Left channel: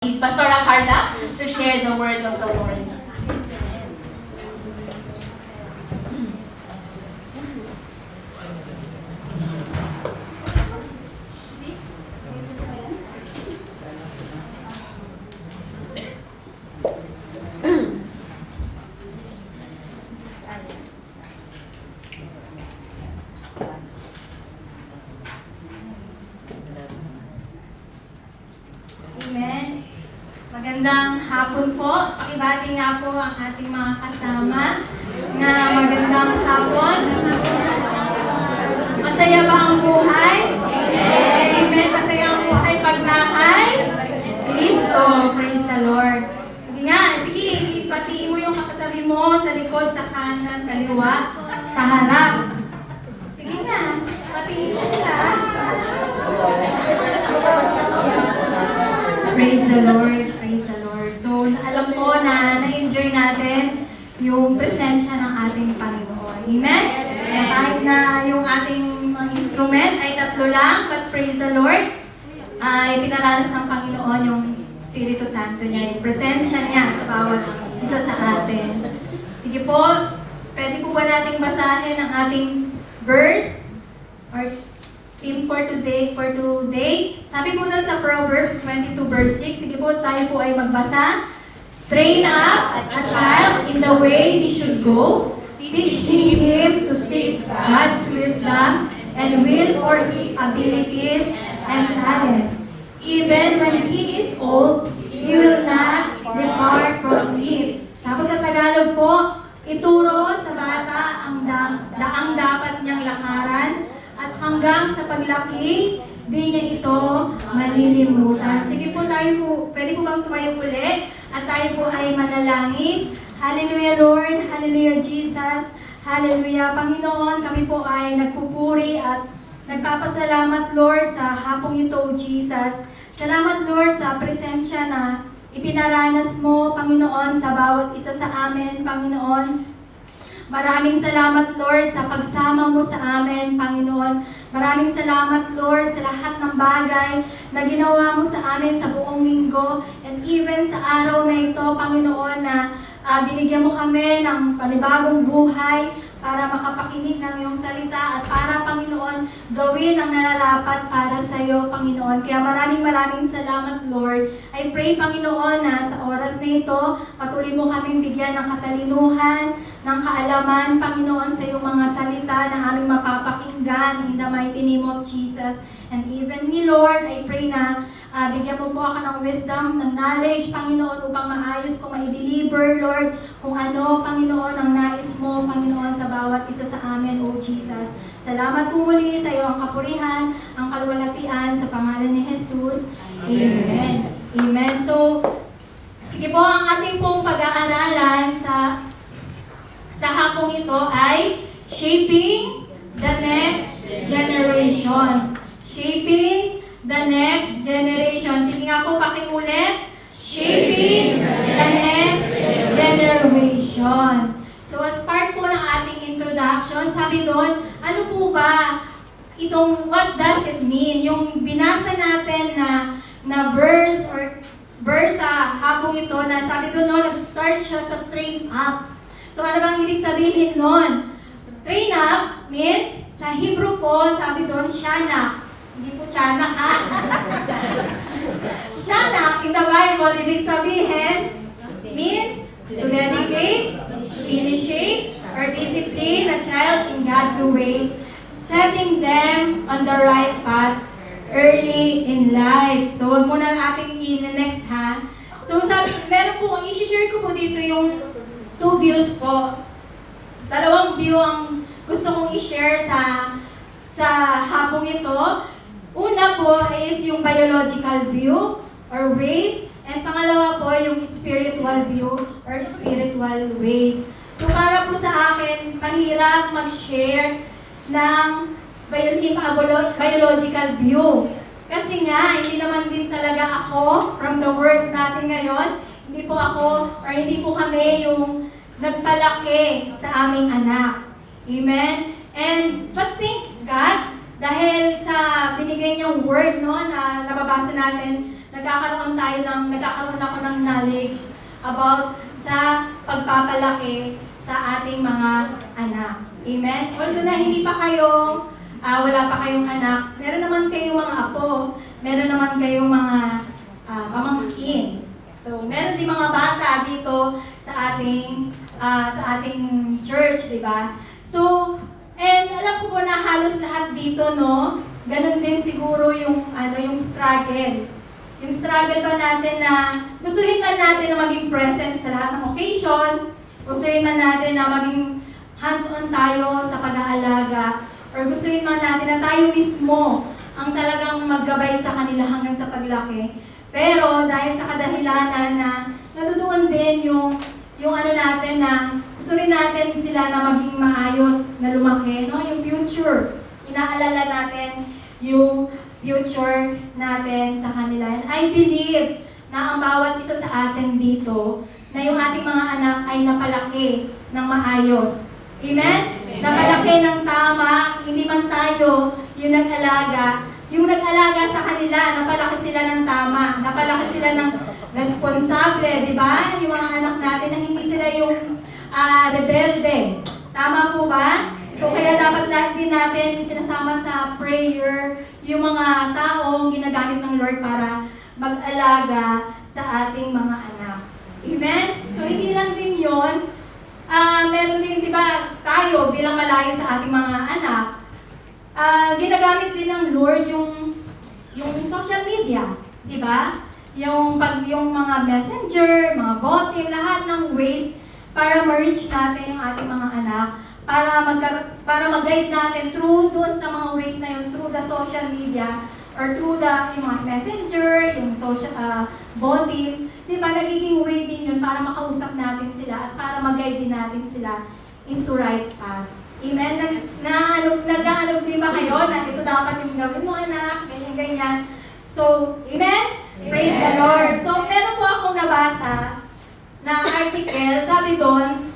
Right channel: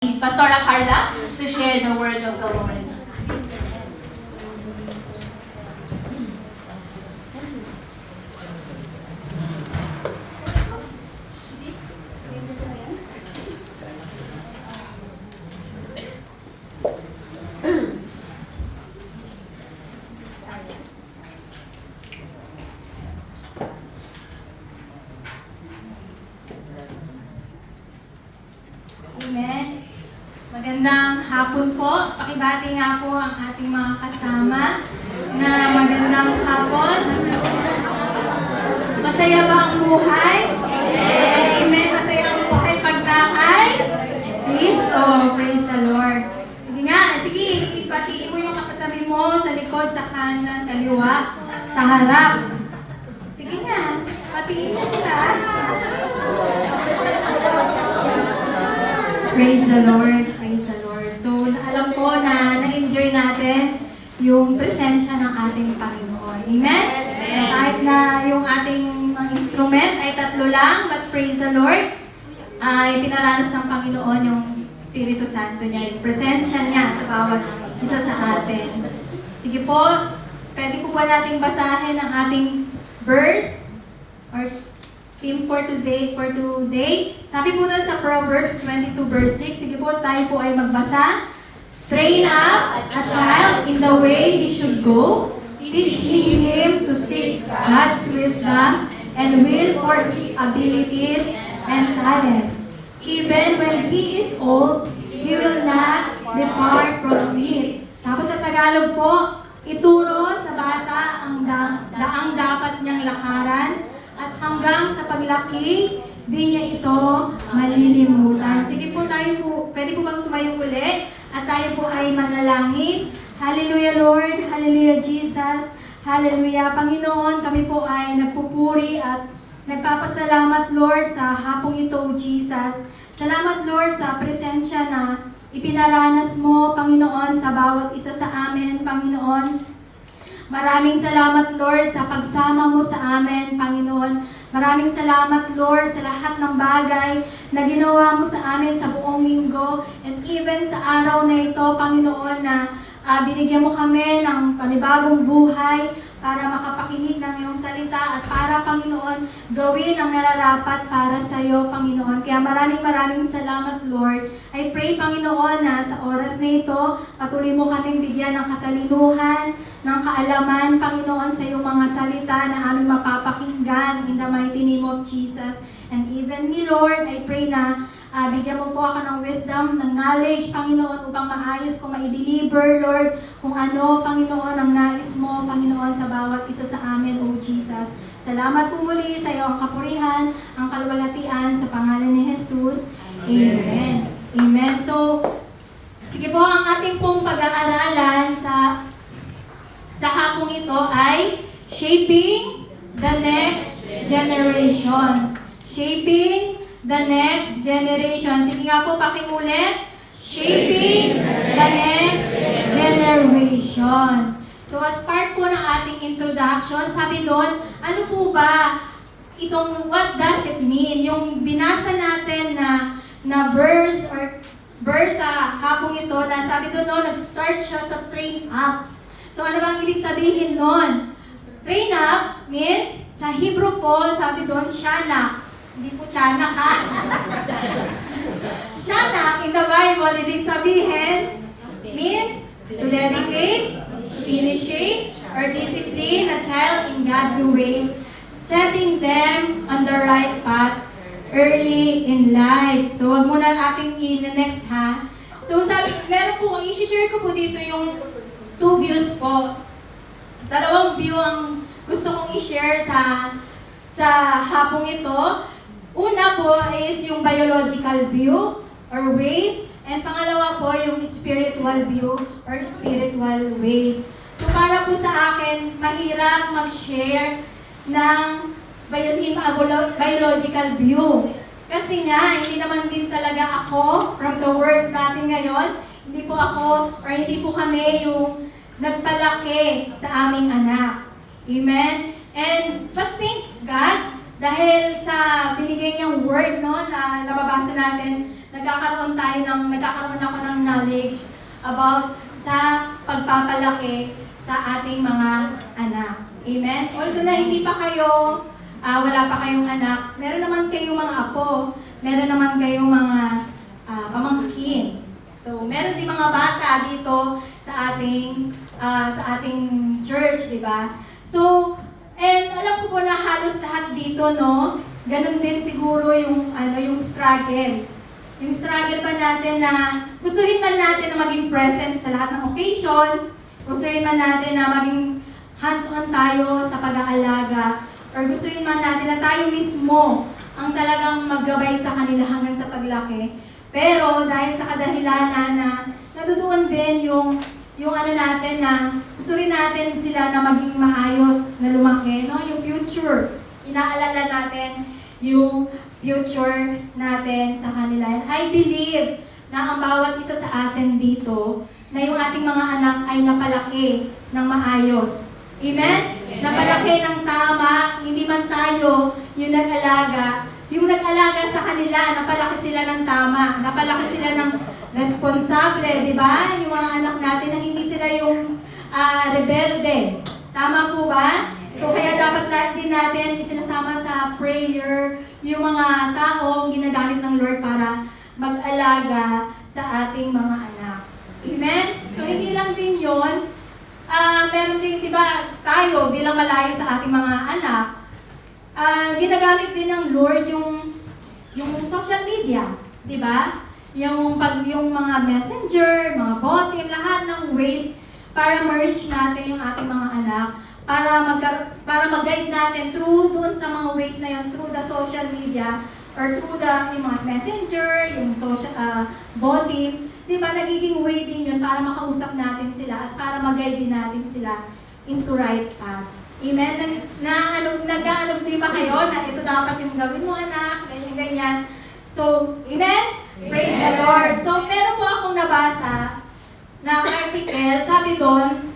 Pastora Carla to share the word of the Lord. Amen. Magandang hapon po. Pakibati nga po ang ating mga kasama na magandang hapon. Masaya ba ang buhay? Amen. Masaya ang buhay pagdahay? Kristo. Praise the Lord. Sige nga, sige, ipatiin mo yung kakatabi mo sa likod, sa kanan, kaliwa, sa harap. Sige nga, patiin mo sila. Praise the Lord, praise the Lord. So, alam ko na na-enjoy natin yung presensya ng ating Panginoon. Amen? Kahit na yung ating mga instrument ay tatlo lang, but praise the Lord, ay pinaranas ng Panginoon yung Espiritu Santo niya, yung presensya niya sa bawat isa sa atin. Sige po, pwede po ba nating basahin ang ating verse or theme for today. Sabi po dun sa Proverbs 22 verse 6, sige po, tayo po ay magbasa. Train up a child in the way he should go, teaching him to seek God's wisdom and will for his abilities and talents. Even when he is old, he will not depart from it. Tapos sa Tagalog po, ituro sa bata ang daang dapat niyang lakaran, at hanggang sa paglaki, di niya ito malilimutan. Sige po, tayo po, pwede po bang tumayo ulit? At tayo po ay manalangin. Hallelujah Lord, Hallelujah Jesus, Hallelujah Panginoon, kami po ay nagpupuri at nagpapasalamat Lord sa hapong ito, Jesus. Salamat Lord sa presensya na ipinaranas mo, Panginoon, sa bawat isa sa amin, Panginoon. Maraming salamat, Lord, sa pagsama mo sa amin, Panginoon. Maraming salamat, Lord, sa lahat ng bagay na ginawa mo sa amin sa buong linggo. And even sa araw na ito, Panginoon, na binigyan mo kami ng panibagong buhay para makapakinig ng iyong salita at para, Panginoon, gawin ang nararapat para sa iyo, Panginoon. Kaya maraming salamat, Lord. I pray, Panginoon, na sa oras na ito, patuloy mo kaming bigyan ng katalinuhan, ng kaalaman, Panginoon, sa iyong mga salita na aming mapapakinggan in the mighty name of Jesus. And even me, Lord, I pray na bigyan mo po ako ng wisdom, ng knowledge, Panginoon, upang maayos ko ma-deliver, Lord, kung ano, Panginoon, ang nais mo, Panginoon, sa bawat isa sa amin, O Jesus. Salamat po muli sa iyo ang kapurihan, ang kalwalatian, sa pangalan ni Jesus. Amen. Amen. So, sige po, ang ating pong pag-aaralan sa hapong ito ay Shaping the Next Generation. Shaping the Next Generation. Sige nga po, pakiulit. Shaping the Next Generation. So as part po ng ating introduction, sabi doon, ano po ba itong what does it mean? Yung binasa natin na verse sa hapong ito na sabi doon, nag-start siya sa train up. So ano bang ibig sabihin nun? Train up means, sa Hebrew po, sabi doon, shanak. Hindi po tiyanak ha? Shanak in the Bible, ibig sabihin, means to dedicate, initiate, or discipline a child in godly ways, setting them on the right path early in life. So wag mo na aking i-next ha. So sabi, meron po, i-share ko po dito yung two views po. Dalawang view ang gusto kong i-share sa hapong ito. Una po is yung biological view or ways, and pangalawa po yung spiritual view or spiritual ways. So para po sa akin, mahirap mag-share ng biological view. Kasi nga, hindi naman din talaga ako, from the word natin ngayon, hindi po ako, or hindi po kami yung nagpalaki sa aming anak. Amen? But thank God, dahil sa binigay niyang word, no, na nababasa natin, na nagkakaroon ako ng knowledge about sa pagpapalaki sa ating mga anak. Amen? Although na hindi pa kayo, wala pa kayong anak, meron naman kayong mga apo, meron naman kayong mga pamangkin. So, meron din mga bata dito sa ating church, di ba? So, and alam ko po na halos lahat dito, no? Ganun din siguro yung struggle. Yung struggle ba natin na gustuhin man natin na maging present sa lahat ng occasion, gustuhin man natin na maging hands-on tayo sa pag-aalaga, or gustuhin man natin na tayo mismo ang talagang maggabay sa kanila hanggang sa paglaki. Pero dahil sa kadahilanan na nandoon din yung natin na gusto rin natin sila na maging maayos, na lumaki, no? Yung future. Inaalala natin yung future natin sa kanila. And I believe na ang bawat isa sa atin dito, na yung ating mga anak ay napalaki ng maayos. Amen? Napalaki ng tama, hindi man tayo yung nag-alaga. Yung nag-alaga sa kanila, napalaki sila ng tama, napalaki sila ng responsable, di ba? Yung mga anak natin na hindi sila yung rebelde. Tama po ba? So kaya dapat din natin sinasama sa prayer yung mga taong ginagamit ng Lord para mag-alaga sa ating mga anak. Amen? So hindi lang din yun. Meron din, di ba, tayo bilang malayo sa ating mga anak, ginagamit din ng Lord yung social media, di ba? Yung mga messenger, mga botin, lahat ng ways para ma-reach natin yung ating mga anak, para mag-guide natin through doon sa mga ways na yun, through the social media, or through yung mga messenger, yung social botin, di ba, nagiging way din yun para makausap natin sila at para mag-guide din natin sila into right path. Amen? Nag-aanog din ba kayo na ito dapat yung gawin mo, anak, ganyan. So, amen? Praise the Lord. So, meron po akong nabasa na article, sabi doon,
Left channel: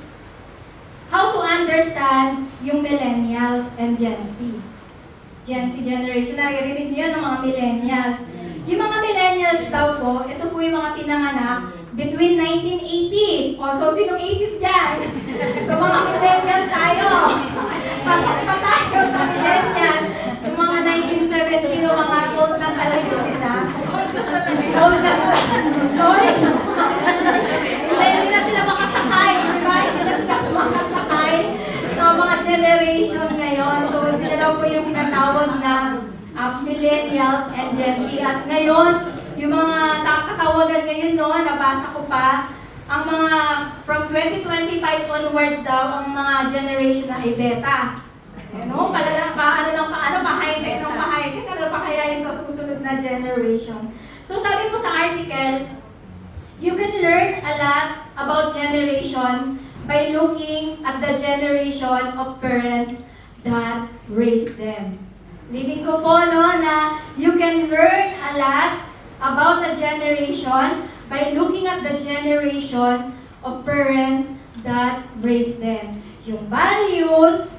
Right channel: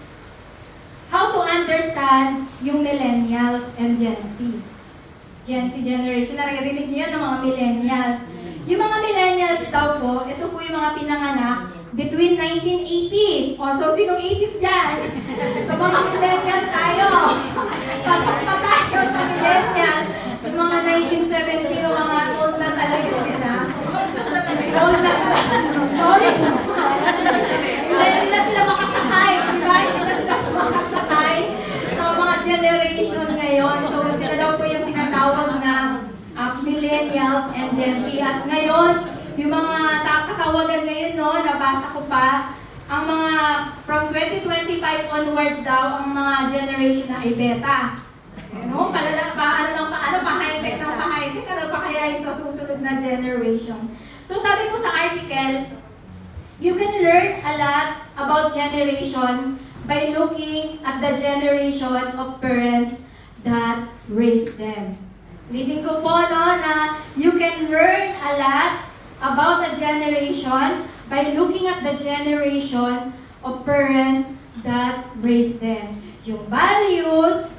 how to understand yung millennials and Gen Z. Gen Z generation, naririnig niyo yun ng mga millennials. Yung mga millennials daw po, ito po yung mga pinanganak between 1980. O, so sinong 80s dyan? So, mga millennial tayo. Pasok na tayo sa millennial. Yung mga 1970, yung mga old na talaga sila. Old na sorry. Hindi na sila makasakay, di ba? Hindi na sila makasakay. So, mga generation ngayon. So, sila daw po yung tinatawag na millennials and Gen Z. At ngayon, yung mga katawagan ngayon, no, nabasa ko pa, ang mga from 2025 onwards daw, ang mga generation na ay beta. No? Pa-high-tech ng pa-high-tech, ano pa kaya yung sa susunod na generation? So sabi po sa article, you can learn a lot about generation by looking at the generation of parents that raised them. Leading ko po, no, na you can learn a lot about the generation by looking at the generation of parents that raised them. Yung values,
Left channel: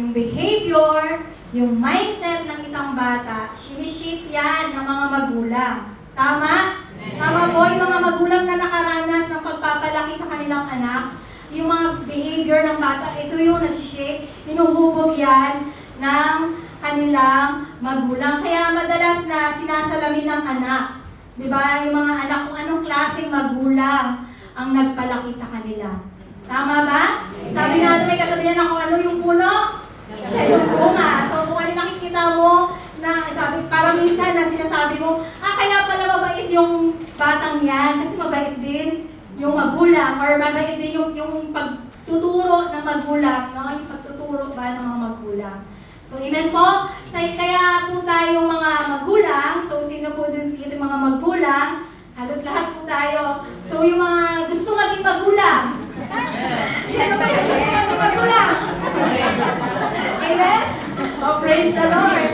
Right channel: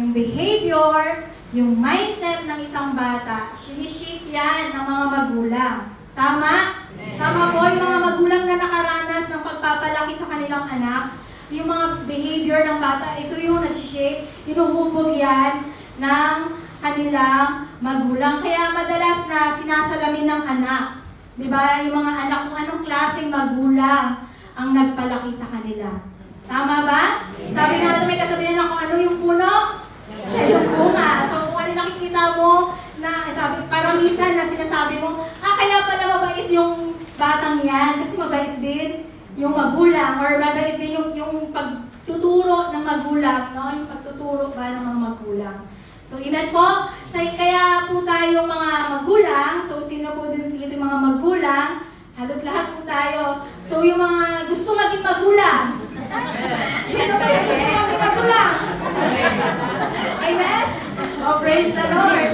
yung behavior, yung mindset ng isang bata, sinishape yan ng mga magulang. Tama? Tama po, yung mga magulang na nakaranas ng pagpapalaki sa kanilang anak, yung mga behavior ng bata, ito yung nagsishape, inuhubog yan ng kanilang magulang. Kaya madalas na sinasalamin ng anak. Diba? Yung mga anak kung anong klaseng magulang ang nagpalaki sa kanila. Tama ba? Sabi nga may kasabihan ako, ano yung puno? Siya yung bunga. So kung ano nakikita mo, na sabi, parang minsan na sinasabi mo, kaya pala mabait yung batang yan. Kasi mabait din yung magulang or mabait din yung pagtuturo ng magulang. No? Yung pagtuturo ba ng mga magulang. So, amen po. So, kaya po tayo mga magulang, so sino po dito yung mga magulang? Halos lahat po tayo. So, yung mga gusto maging magulang. Sino ba yung gusto maging magulang? Amen? Oh, praise the Lord.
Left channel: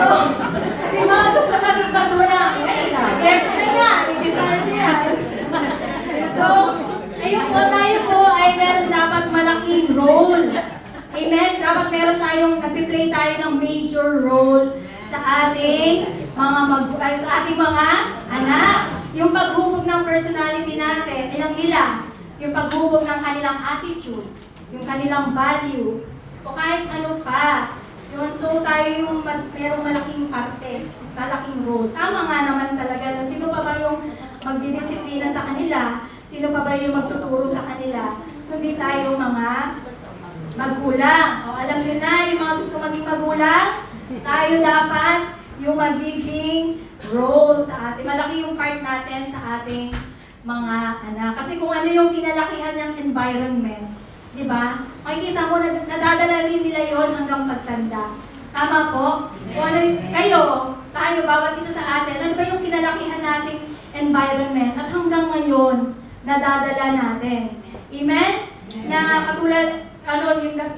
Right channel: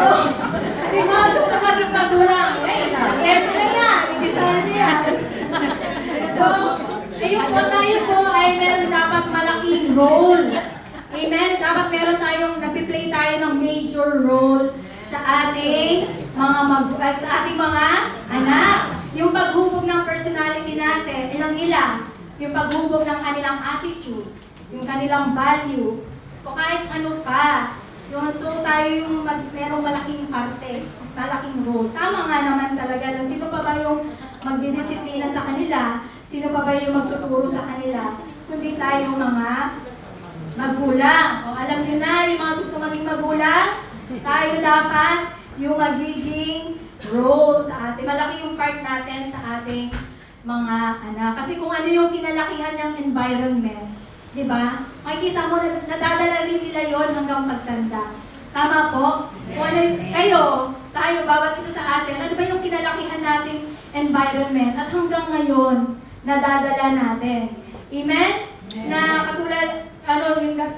So, yung mga gusto maging magulang, careful na yan, i-design nyo yan. So, ayun po, tayo po ay meron dapat malaking role. Amen? Dapat meron nagpi-play tayo ng major role sa ating mga anak. Yung paghubog ng personality natin, ilang nila, yung paghubog ng kanilang attitude, yung kanilang value, o kahit ano pa. Yun, so tayo yung merong malaking parte, malaking role. Tama nga naman talaga. No? Sino pa ba yung magdidisiplina sa kanila? Sino pa ba yung magtuturo sa kanila? Kundi tayo mga magulang. O alam nyo na, yung mga gusto maging magulang, tayo dapat yung magiging role sa atin. Malaki yung part natin sa ating mga anak. Kasi kung ano yung kinalakihan ng environment, di ba? Makikita mo, nadadala rin nila yon hanggang pagtanda. Tama po? Kung ano yung, tayo, bawat isa sa atin, ano ba yung kinalakihan nating environment at hanggang ngayon, nadadala natin. Amen? Na katulad,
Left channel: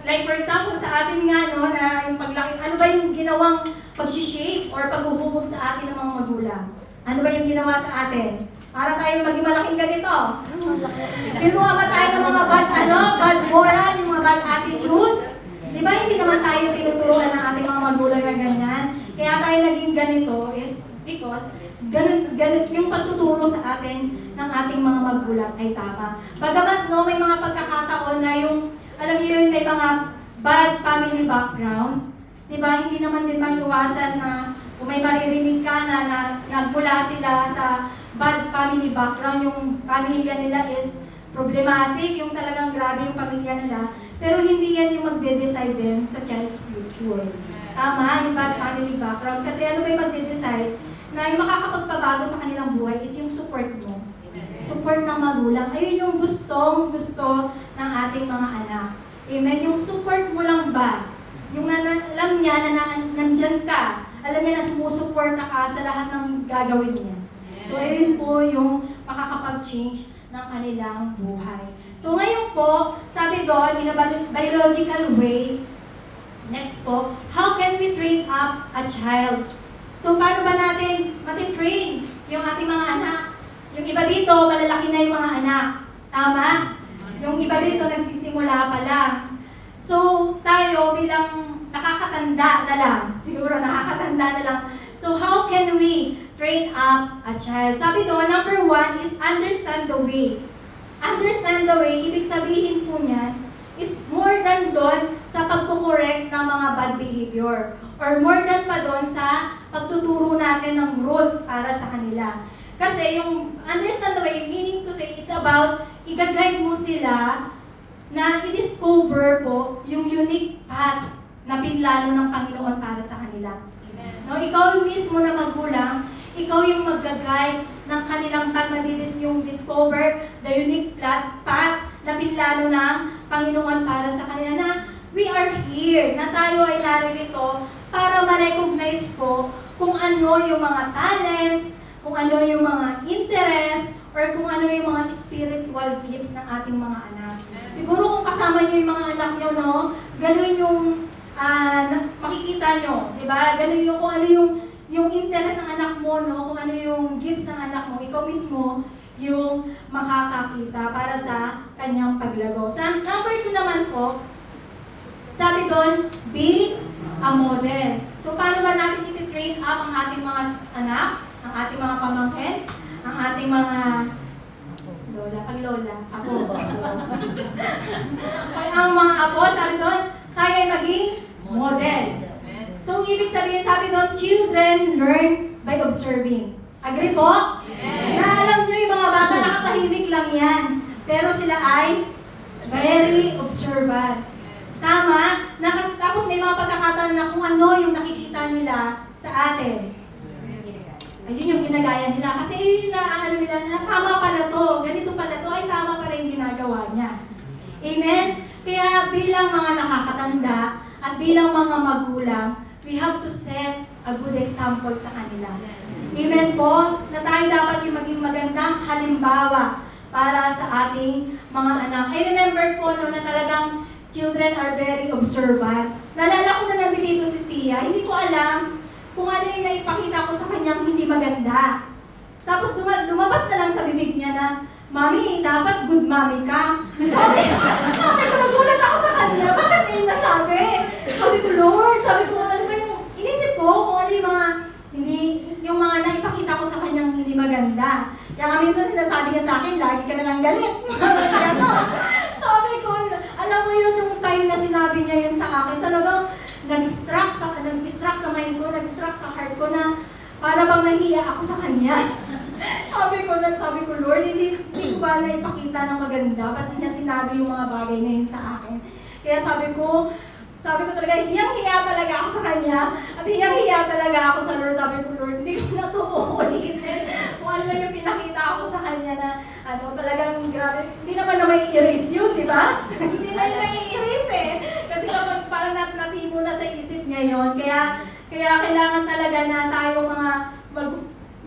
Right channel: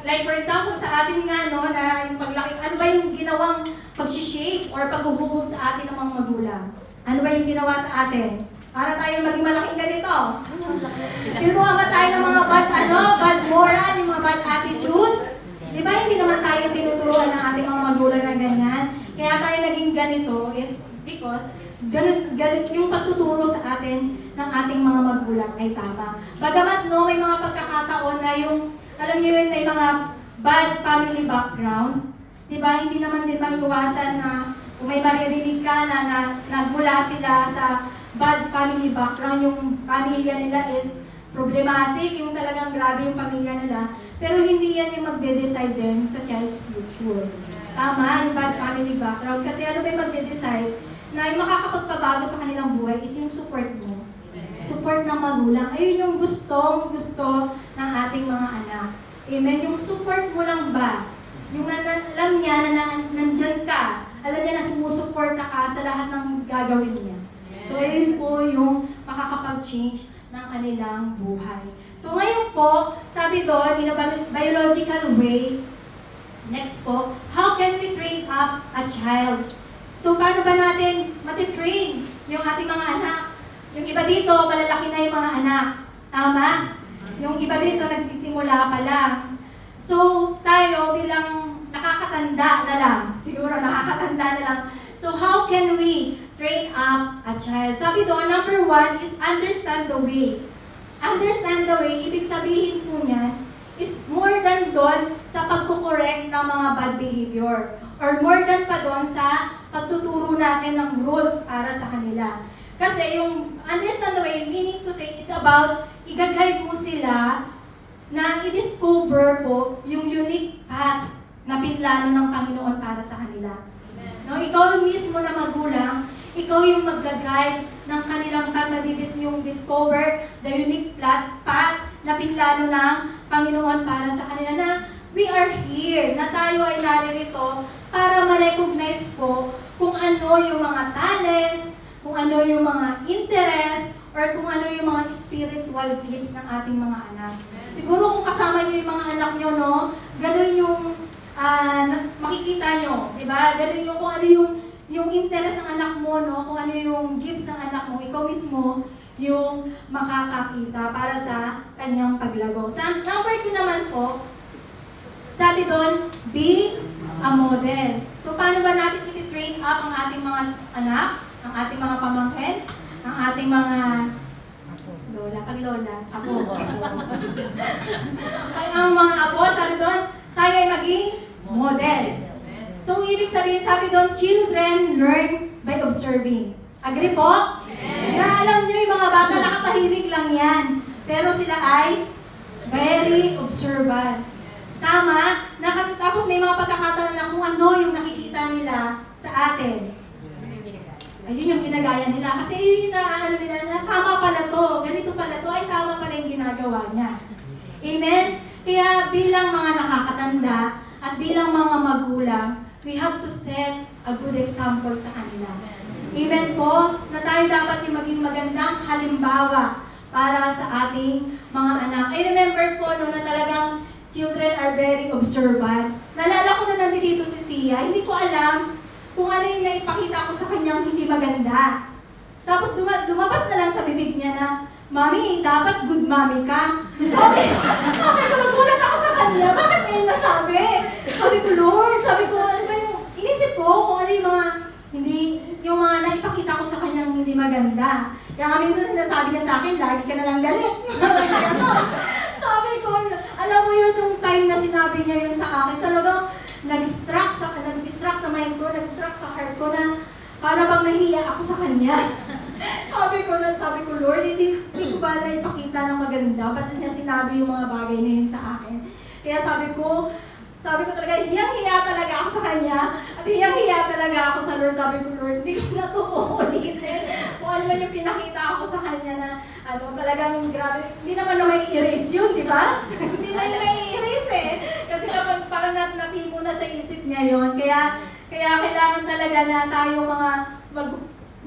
like for example, sa atin nga, no, na yung paglaki, ano ba yung ginawang pag-shape or paghuhubog sa atin ng mga magulang? Ano ba yung ginawa sa atin? Para tayo maging malaking ganito. Tinuha ba tayo ng mga bad moral, yung mga bad attitudes? Di ba hindi naman tayo tinuturuan ng ating mga magulang na ganyan? Kaya tayo naging ganito is because ganun yung pagtuturo sa atin ng ating mga magulang ay tama. Bagamat no, may mga pagkakataon na yung, alam niyo yun, may mga bad family background. Di ba? Hindi naman din maiwasan na kung may maririnig ka na nagmula sila sa bad family background, yung pamilya nila is problematic, yung talagang grabe yung pamilya nila, pero hindi yan yung magde-decide din sa child's future. Tama, yung bad family background. Kasi ano ba yung magde-decide na yung makakapagpabago sa kanilang buhay is yung support mo. Support ng magulang. Ayun yung gusto ng ating mga anak. Amen? Yung support mo lang ba? Yung alam niya na nandyan ka, alam niya na sumusuporta ka sa lahat ng gagawin niya. So, ayun po yung makakapag-change ng kanilang buhay. So, ngayon po, sabi doon, in a biological way, next po, how can we train up a child? So, paano ba natin matitrain yung ating mga anak? Yung iba dito, malalaki na yung mga anak. Tama? Yung iba dito, nagsisimula pa lang. So, tayo bilang nakakatanda na lang. Siguro nakakatanda na lang. So, how can we train up a child? Sabi doon, number 1 is understand the way. Understand the way, ibig sabihin po niyan, is more than doon sa pagkukorek ng mga bad behavior. Or more than pa doon sa pagtuturo natin ng rules para sa kanila. Kasi yung understand the way, meaning to say, it's about i-guide mo sila na i-discover po yung unique path na pinlano ng Panginoon para sa kanila. No, ikaw mismo na magulang, ikaw yung mag-guide ng kanilang path na yung discover the unique path na pinlano ng Panginoon para sa kanila na we are here, na tayo ay naririto para ma-recognize po kung ano yung mga talents, kung ano yung mga interest, or kung ano yung mga spiritual gifts ng ating mga anak. Siguro kung kasama nyo yung mga anak nyo, no, ganun yung makikita nyo, di ba? Ganun yung kung ano yung interest ng anak mo, no, kung ano yung gifts ng anak mo, ikaw mismo yung makakakita para sa kanyang paglago. Sa number 2 naman po, sabi doon, be a model. So, paano ba natin iti-train up ang ating mga anak, ang ating mga pamangkin, ang ating mga lola, apo. Ay, ang mga apo, sabi doon, tayo ay maging model. So, ibig sabihin, sabi doon, children learn by observing. Agree po? Na alam nyo, yung mga bata, nakatahimik lang yan. Pero sila ay very observant. Tama? Tapos may mga pagkakataon na kung ano yung nakikita nila sa atin. Ayun yung ginagaya nila. Kasi yun yung nakaano nila na tama pala to, ganito pala to, ay tama pala yung ginagawa niya. Amen? Kaya bilang mga nakakatanda at bilang mga magulang, we have to set a good example sa kanila. Amen po? Na tayo dapat yung maging magandang halimbawa para sa ating mga anak. I remember po no, na talagang children are very observant. Nalala ko na nandito si Sia, hindi ko alam kung ano yung naipakita ko sa kanyang hindi maganda. Tapos lumabas na lang sa bibig niya na, Mami, dapat good mommy ka. Sabi ko, nagulat ako sa kanya. Bakit ngayon nasabi? Sabi ko, Lord, sabi ko, ano ba yung, inisip ko kung ano yung mga, yung mga naipakita ko sa kanyang hindi maganda. maganda. Kaya nga minsan sinasabi niya sa akin, lagi ka na lang galit. Sabi ko, alam mo yun, nung time na sinabi niya yun sa akin, talagang nag-distract sa mind ko, nag-distract sa heart ko na para bang nahiya ako sa kanya. sabi ko, Lord, hindi ko ba na ipakita ng maganda? Ba't niya sinabi yung mga bagay na yun sa akin? Kaya sabi ko talaga, hiyang-hiya talaga ako sa kanya. At hiyang-hiya talaga ako sa Lord. Sabi ko, Lord, hindi ko na ito uulitin. Kung ano man yung pinakita ako sa kanya na, talagang grabe. Hindi naman na may erase yun, di ba? Hindi na yung may erase eh. Kasi kapag parang natimo na sa isip niya yun. Kaya kailangan talaga na tayo mga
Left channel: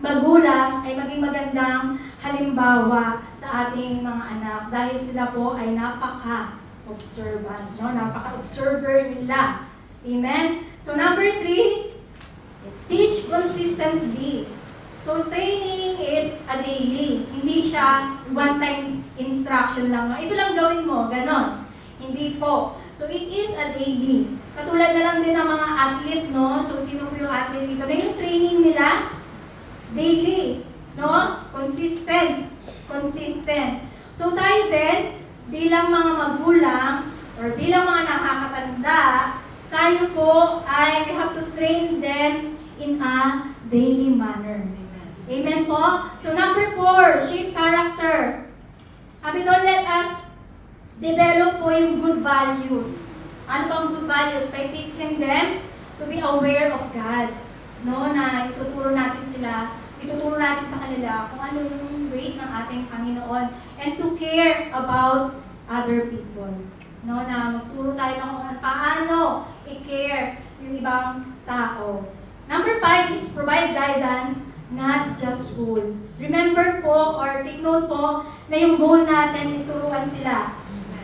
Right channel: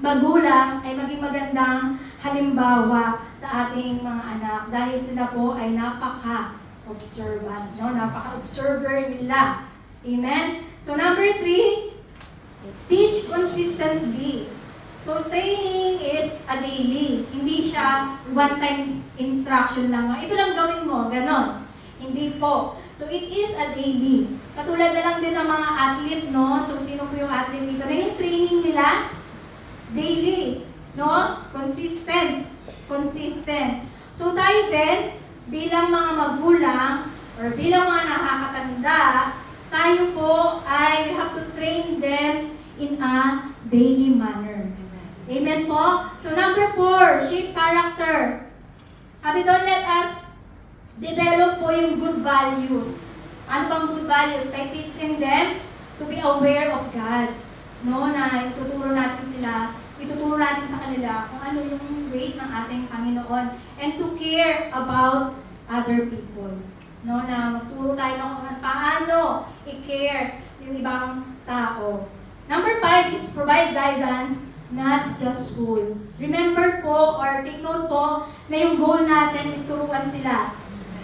magulang ay maging magandang halimbawa sa ating mga anak. Dahil sila po ay napaka-observant, no? Napaka-observer nila. Amen? So number 3, teach consistently. So training is a daily. Hindi siya one-time instruction lang. Ito lang gawin mo, ganon. Hindi po. So it is a daily. Katulad na lang din ng mga athlete, no? So sino po yung athlete dito? Na yung training nila, daily. No? Consistent. So tayo din, bilang mga magulang, or bilang mga nakakatanda, tayo po ay we have to train them in a daily manner. Amen po? So number 4, shape character. Sabi doon, let us develop po yung good values. Ano bang good values? By teaching them to be aware of God. No, na ituturo natin sa kanila kung ano yung ways ng ating Panginoon. And to care about other people. No, na magturo tayo ng kung paano i-care yung ibang tao. Number 5 is provide guidance, not just rule. Remember po, or take note po, na yung goal natin is turuan sila.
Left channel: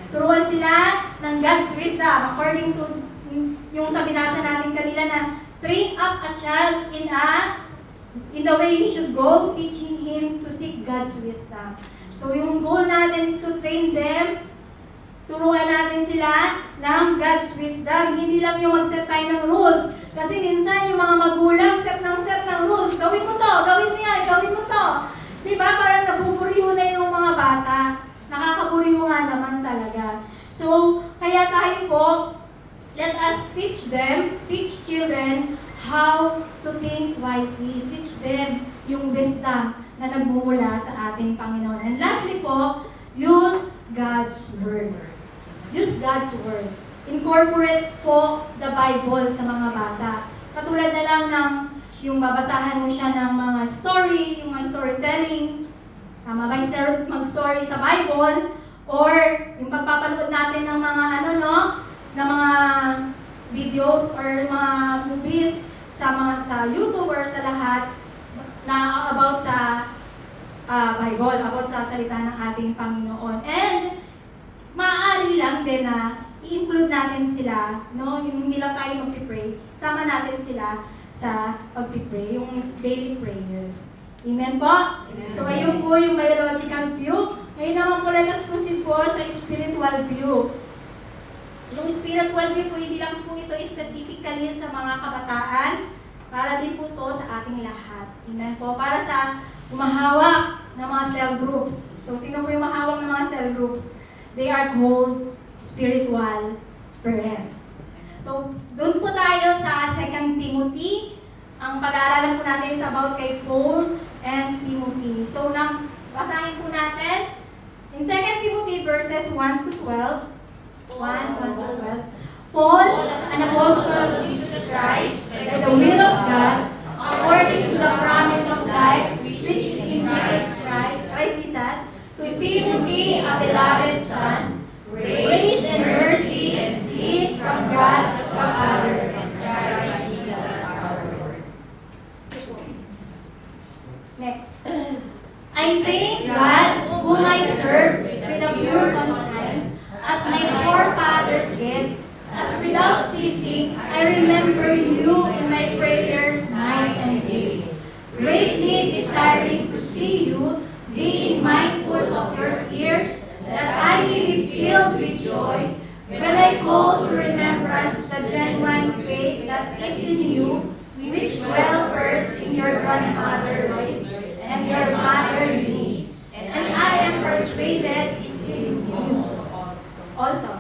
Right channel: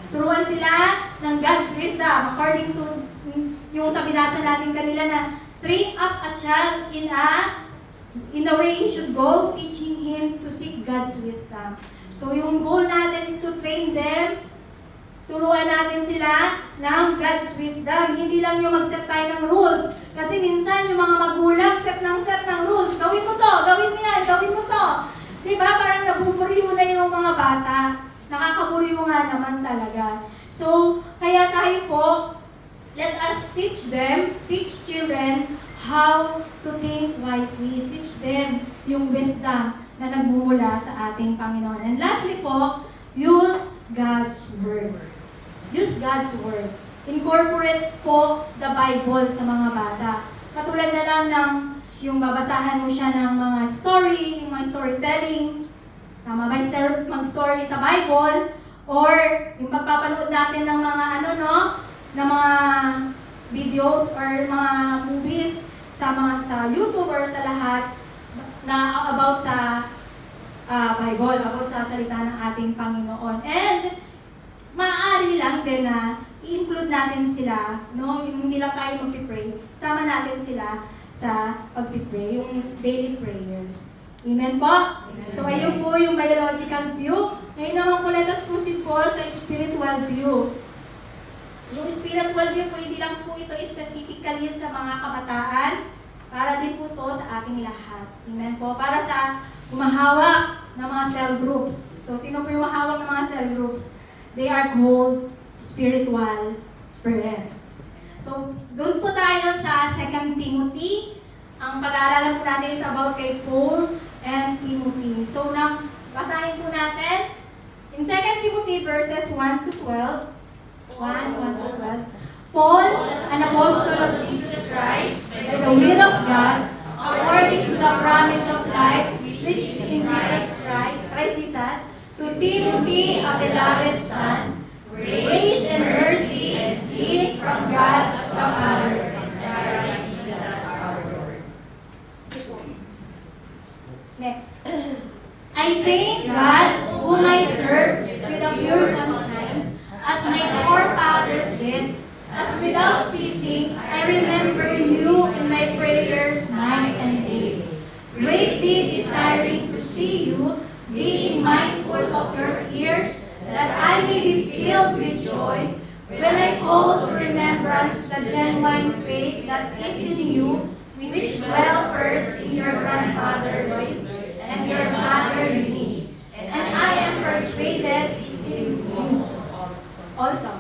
Turuan sila ng God's wisdom. According to yung sa binasa natin kanila na train up a child in the way he should go, teaching him to seek God's wisdom. So yung goal natin is to train them, turuan natin sila ng God's wisdom. Hindi lang yung mag-set tayo ng rules. Kasi minsan yung mga magulang set ng rules. Gawin mo to, gawin mo yan, gawin mo to. Diba? Parang nabuburiyo na yung mga bata. Nakakaburiyo nga naman talaga. So, kaya tayo po, let us teach children how to think wisely. Teach them yung wisdom na nagmumula sa ating Panginoon. And lastly po, use God's Word. Use God's Word. Incorporate po the Bible sa mga bata. Katulad na lang ng yung babasahan mo siya ng mga story, yung mga storytelling, mag-story sa Bible, or yung pagpapanood natin ng mga ng mga videos or mga movies sa YouTube or sa lahat na about sa Bible, about sa salita ng ating Panginoon. And maaari lang din na i-include natin sila, no? Hindi lang tayo mag-pray, sama natin sila sa pag-pray, yung daily prayers. Amen po? Amen. So ayun po yung biological view. Ngayon naman po, let us proceed po sa spiritual view. Yung spiritual view po, hindi lang po ito specifically sa mga kabataan, para din po ito sa ating lahat. Amen po? Para sa umahawak ng mga cell groups. So sino po yung mahawak ng mga cell groups? They are called spiritual parents. So, doon po tayo sa 2 Timothy. Ang pag-aaralan po natin is about kay Paul and Timothy. So, basahin po natin. In 2 Timothy verses 1 to 12, Paul, an apostle of Jesus Christ, by the will of God, according to the promise of life, which is in Jesus Christ Jesus, to Timothy, a beloved son, grace and mercy and peace from God the Father and Christ Jesus our Lord. Next. I thank God, whom I serve with a pure conscience, as my forefathers did, as without ceasing I remember you in my prayers night and day, greatly desiring to see you, being mindful of your tears, that I may be filled with joy when I call to remembrance the genuine faith that is in you, which dwell first in your grandmother Lois and your mother persuaded is in you also.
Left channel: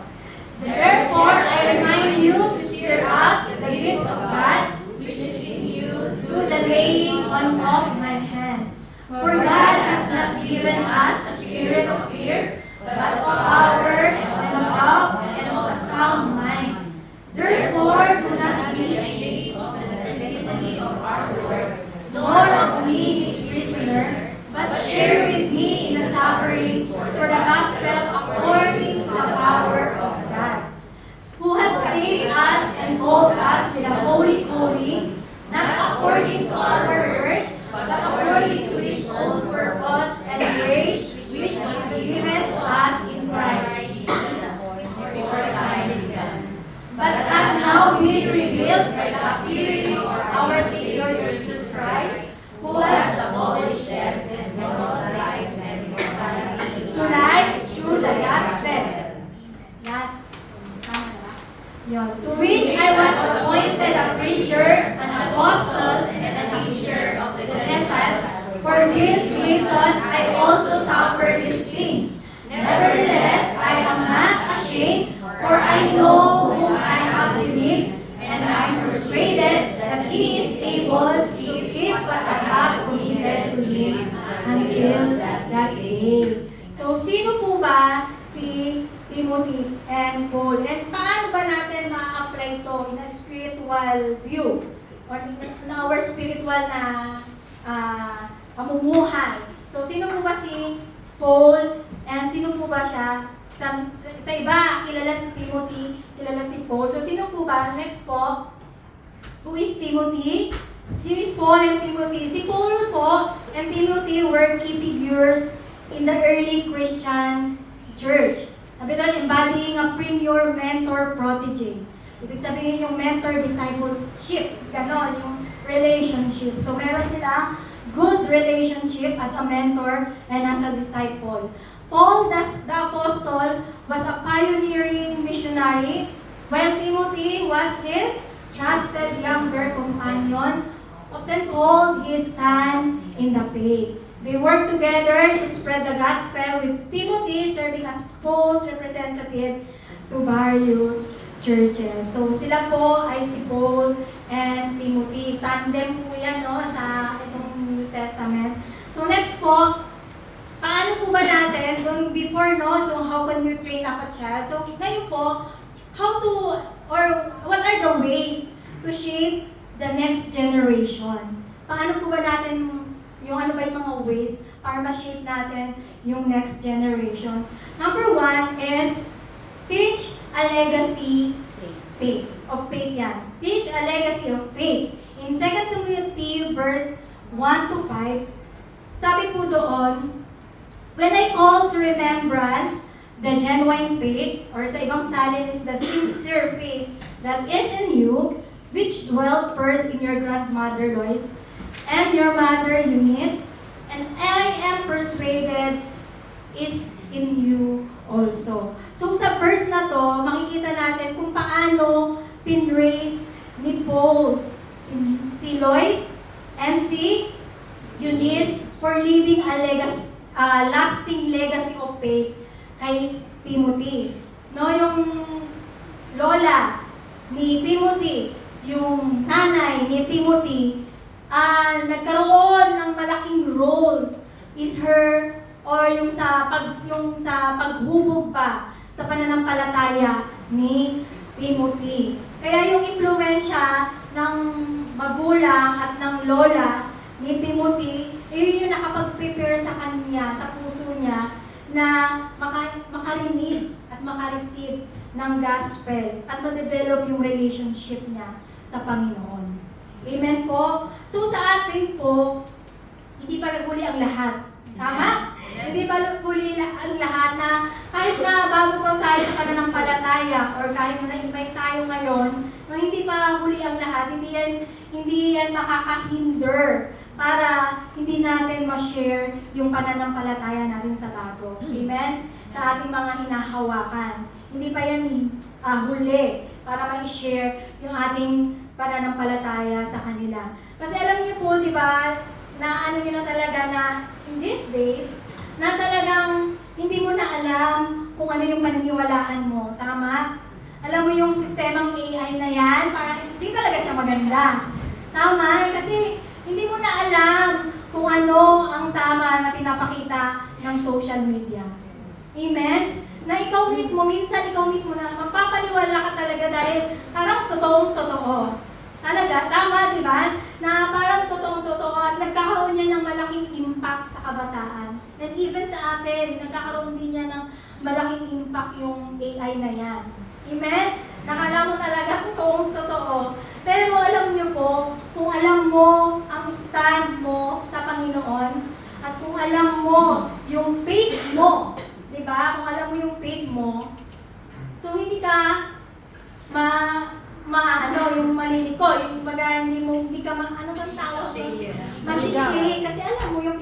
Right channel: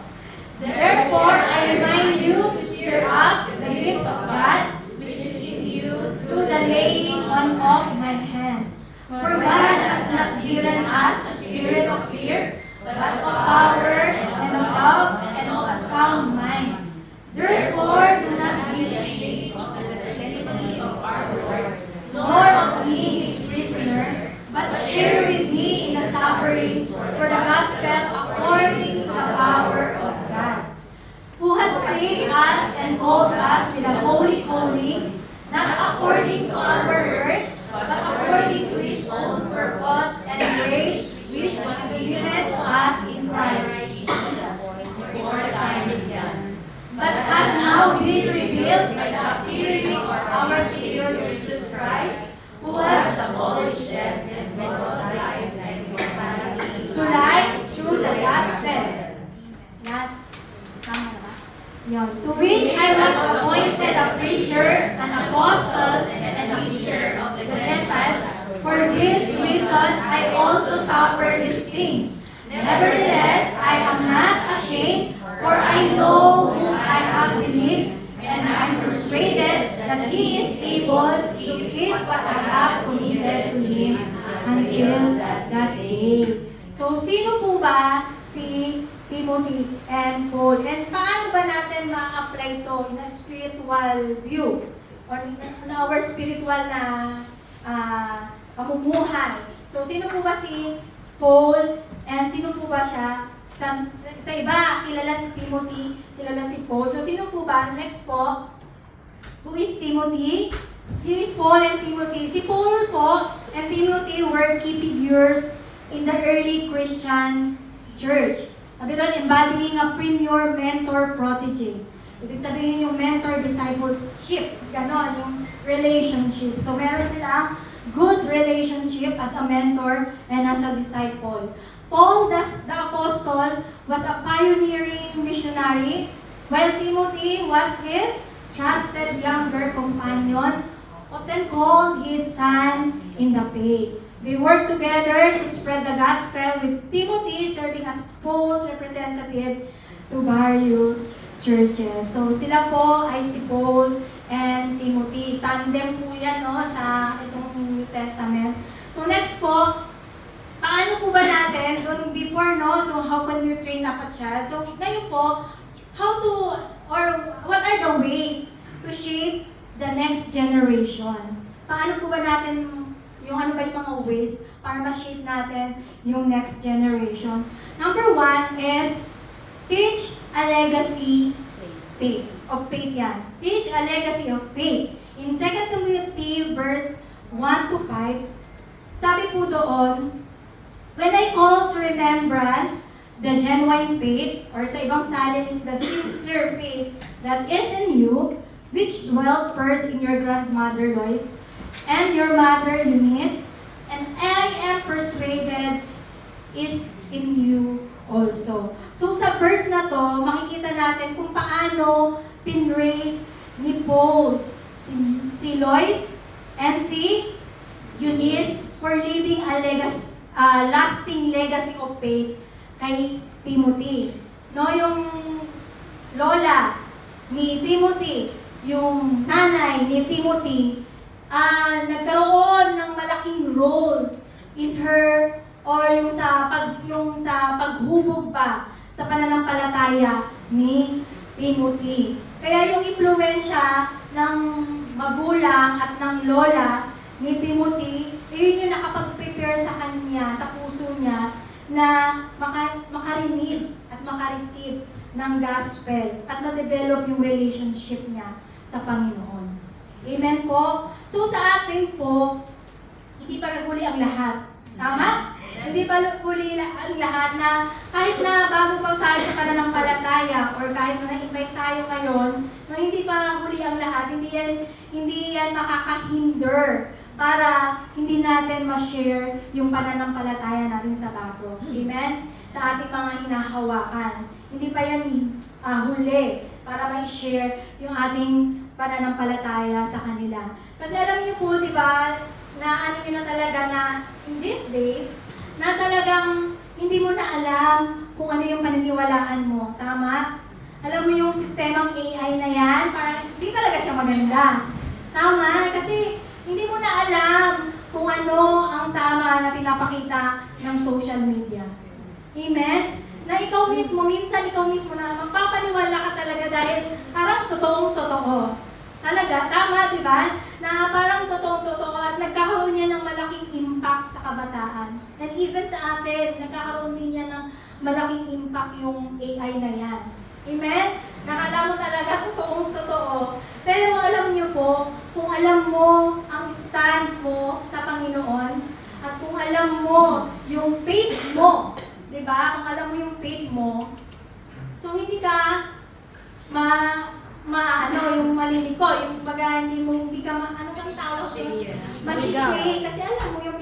Therefore, I remind you to stir up the gifts of God, which is in you through the laying on of my hands. For God has not given us a spirit of fear, but of power and of love and of a sound mind. Therefore, do not be ashamed of the testimony of our Lord, nor of me his prisoner, but share with me in the sufferings for the gospel according to the power of God, who has saved us and called us with a holy calling, not according to our works, but according to his own purpose and grace, which was given to us in Christ Jesus before the time began, but has now been revealed by the appearing of our Savior Jesus Christ, who has abolished death and brought life and immortality to light through the gospel. Last, to which I was appointed a preacher, an apostle, and a teacher of the Gentiles. For this reason I also suffer these things. Nevertheless, I am not ashamed, for I know whom I have believed, and I am persuaded that he is able to keep what I have committed to him until that day. So, sino po ba si Timothy and Paul? And paano ba natin ma-apply ito in a spiritual view? Or in our spiritual na pamumuhay. So, sino po ba si Paul? And sino po ba siya? Sa iba, kilala si Timothy, kilala si Paul. So, sino po ba? Next po, who is Timothy? He is Paul and Timothy. Si Paul po and Timothy were key figures in the early Christian church. Sabi doon, embodying a premier mentor-protege. Ibig sabihin yung mentor-discipleship. Ganon, yung relationship. So, meron silang good relationship as a mentor and as a disciple. Paul, the apostle, was a pioneering missionary, while Timothy was his trusted younger companion, often called his son in the faith. They worked together to spread the gospel, with Timothy serving as Paul's representative to various churches. So sila po ay si Paul and Timothy. Tandem po yan sa itong New Testament. So next po, paano po ba natin, before so how can you train up a child? So ngayon po, what are the ways to shape the next generation? Paano po ba natin, ano ba yung mga ways para ma-shape natin yung next generation? Number one is, teach a legacy of faith yan. Teach a legacy of faith. In 2 Timothy verse 1 to 5, sabi po doon, when I call to remembrance the genuine faith, or sa ibang salin is the sincere faith that is in you, which dwelt first in your grandmother Lois and your mother Eunice, and I am persuaded is in you also. So sa verse na to, makikita natin kung paano pinraise ni Paul si Lois and si Eunice for leaving a lasting legacy of faith kay Timothy. Yung lola ni Timothy, yung nanay ni Timothy, nagkaroon ng malaking role in her, or yung sa paghubog pa sa pananampalataya ni Timothy. Kaya yung impluwensya ng magulang at ng lola ni Timothy, yun yung nakapag-prepare sa kanya, sa puso niya, na makarinig at makareceive ng gospel at ma-develop yung relationship niya sa Panginoon. Amen po? So sa atin po, hindi pa naguli ang lahat. Tama? Hindi pa naguli ang lahat na kahit na bago pa tayo sa pananampalataya or kahit na invite tayo ngayon, nung hindi pa huli ang lahat, hindi yan makakahinder para hindi natin ma-share yung pananampalataya natin sa bago. Amen? Sa ating mga hinahawakan. Hindi pa yan huli para ma-share yung ating pananampalataya sa kanila. Kasi alam niyo po, di ba, na ano nyo na talaga na in these days, na talagang kung ano yung paniniwalaan mo. Tama? Alam mo yung sistemang AI na yan, parang hindi talaga siya maganda. Tama? Kasi hindi mo na alam kung ano ang tama na pinapakita ng social media. Amen? Na ikaw mismo, minsan ikaw mismo na magpapaniwala ka talaga dahil parang totoong-totoo. Talaga, tama, di ba? Na parang totoong-totoo at nagkakaroon niya ng malaking impact sa kabataan. And even sa atin, nagkakaroon din niya ng malaking impact yung AI na yan. Amen? Nakala mo talaga totoong-totoo. Pero alam niyo po, kung alam mo ang stand mo sa Panginoon, at kung alam mo yung faith mo, di ba? Kung alam mo yung faith mo, so hindi ka yung maliliko, yung baga hindi ka ano kang tawag doon? Masishake. Kasi alam mo yung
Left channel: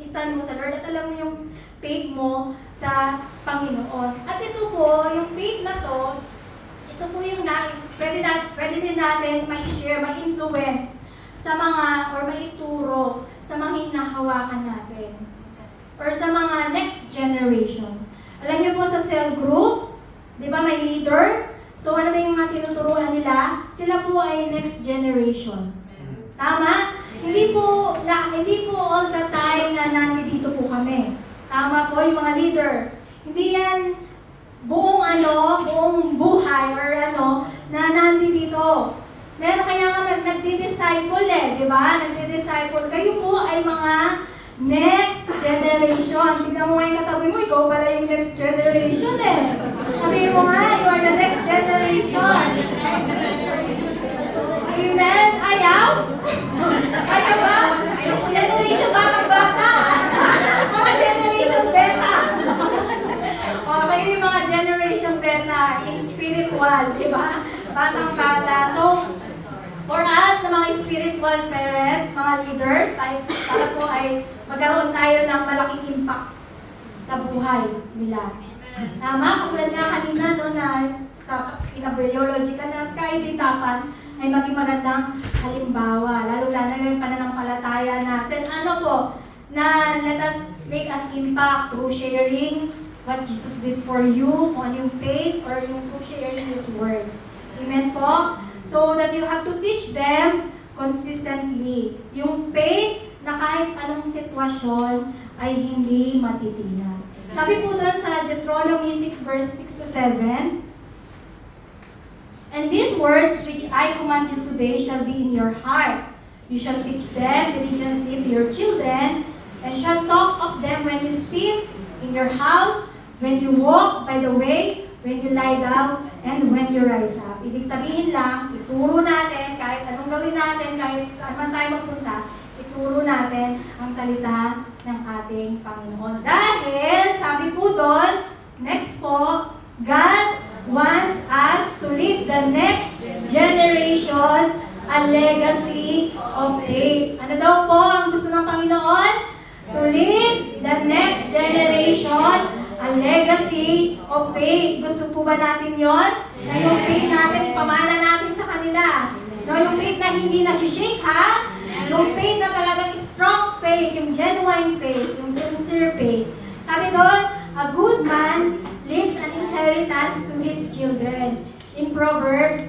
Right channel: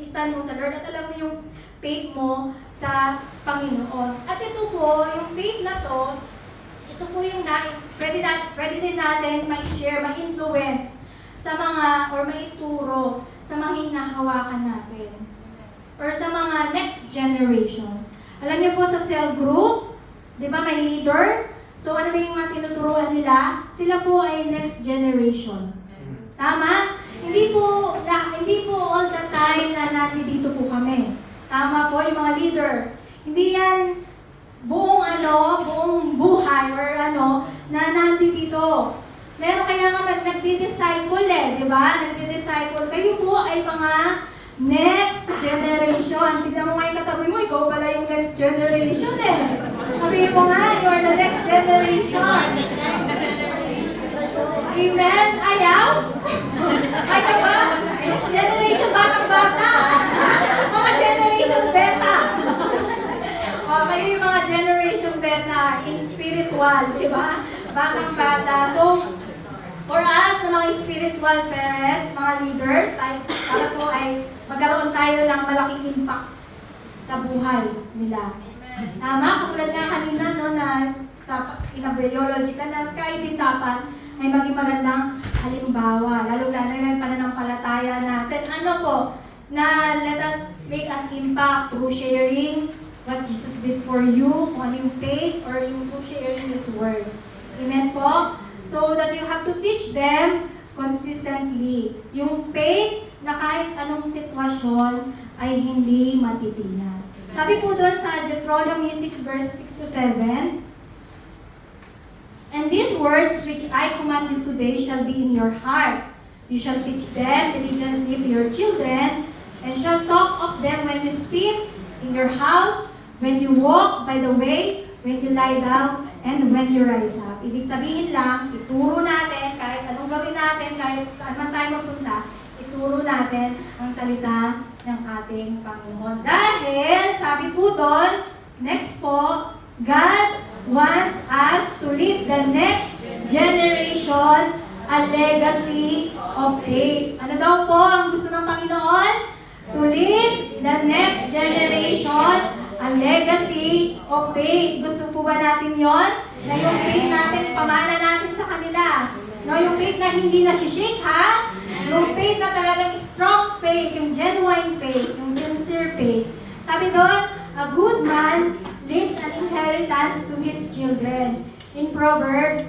stand mo sa Lord at alam mo yung faith mo sa Panginoon. At ito po, yung faith na to, ito po yung pwede din natin ma-share, ma-influence sa mga, or maituro sa mga hinahawakan natin. Or sa mga next generation. Alam niyo po sa cell group, di ba may leader? So ano ba yung mga tinuturuan nila? Sila po ay next generation. Tama? Hindi po all the time na nandito po kami. Tama po yung mga leader. Hindi yan buong buhay or na nandito. Meron kaya nga nagdi-disciple di ba? Nagdi-disciple. Kayo po ay mga next generation. Tignan mo nga yung katabi mo, ikaw pala yung next generation Sabihin mo nga, you are the next generation. Amen? Ayaw? Ayaw ba? Next generation, bata. Mga generation beta. Kayo yung mga generation beta in spiritual, di ba? Batang-bata. So, for us, na mga spiritual parents, mga leaders, para po ay magkaroon tayo ng malaking impact sa buhay nila. Tama? Katulad nga kanina, na sa biology ka na kaibitapan ay maging magandang halimbawa. Lalo-lalo yung pananampalataya natin. Ano po? Na let us make an impact through sharing what Jesus did for you, kung ano yung faith, or yung through sharing His Word. Amen po? So that you have to teach them consistently. Yung faith na kahit anong sitwasyon ay hindi matitinag. Sabi po doon sa Deuteronomy 6 verse 6 to 7, "And these words which I command you today shall be in your heart. You shall teach them diligently to your children, and shall talk of them when you sit in your house, when you walk by the way, when you lie down, and when you rise up." Ibig sabihin lang, ituro natin, kahit anong gawin natin, kahit saan man tayo magpunta, ituro natin ang salita ng ating Panginoon. Dahil, sabi po doon, next po, God wants us to leave the next generation a legacy of faith. Ano daw po ang gusto ng Panginoon? To leave the next generation a legacy of faith. Gusto po ba natin yon? Na yung faith natin, ipamana natin sa kanila. No, yung faith na hindi nasishake, ha? Yung faith na talagang strong faith, yung genuine faith, yung sincere faith. Sabi doon, a good man leaves an inheritance to his children. In Proverbs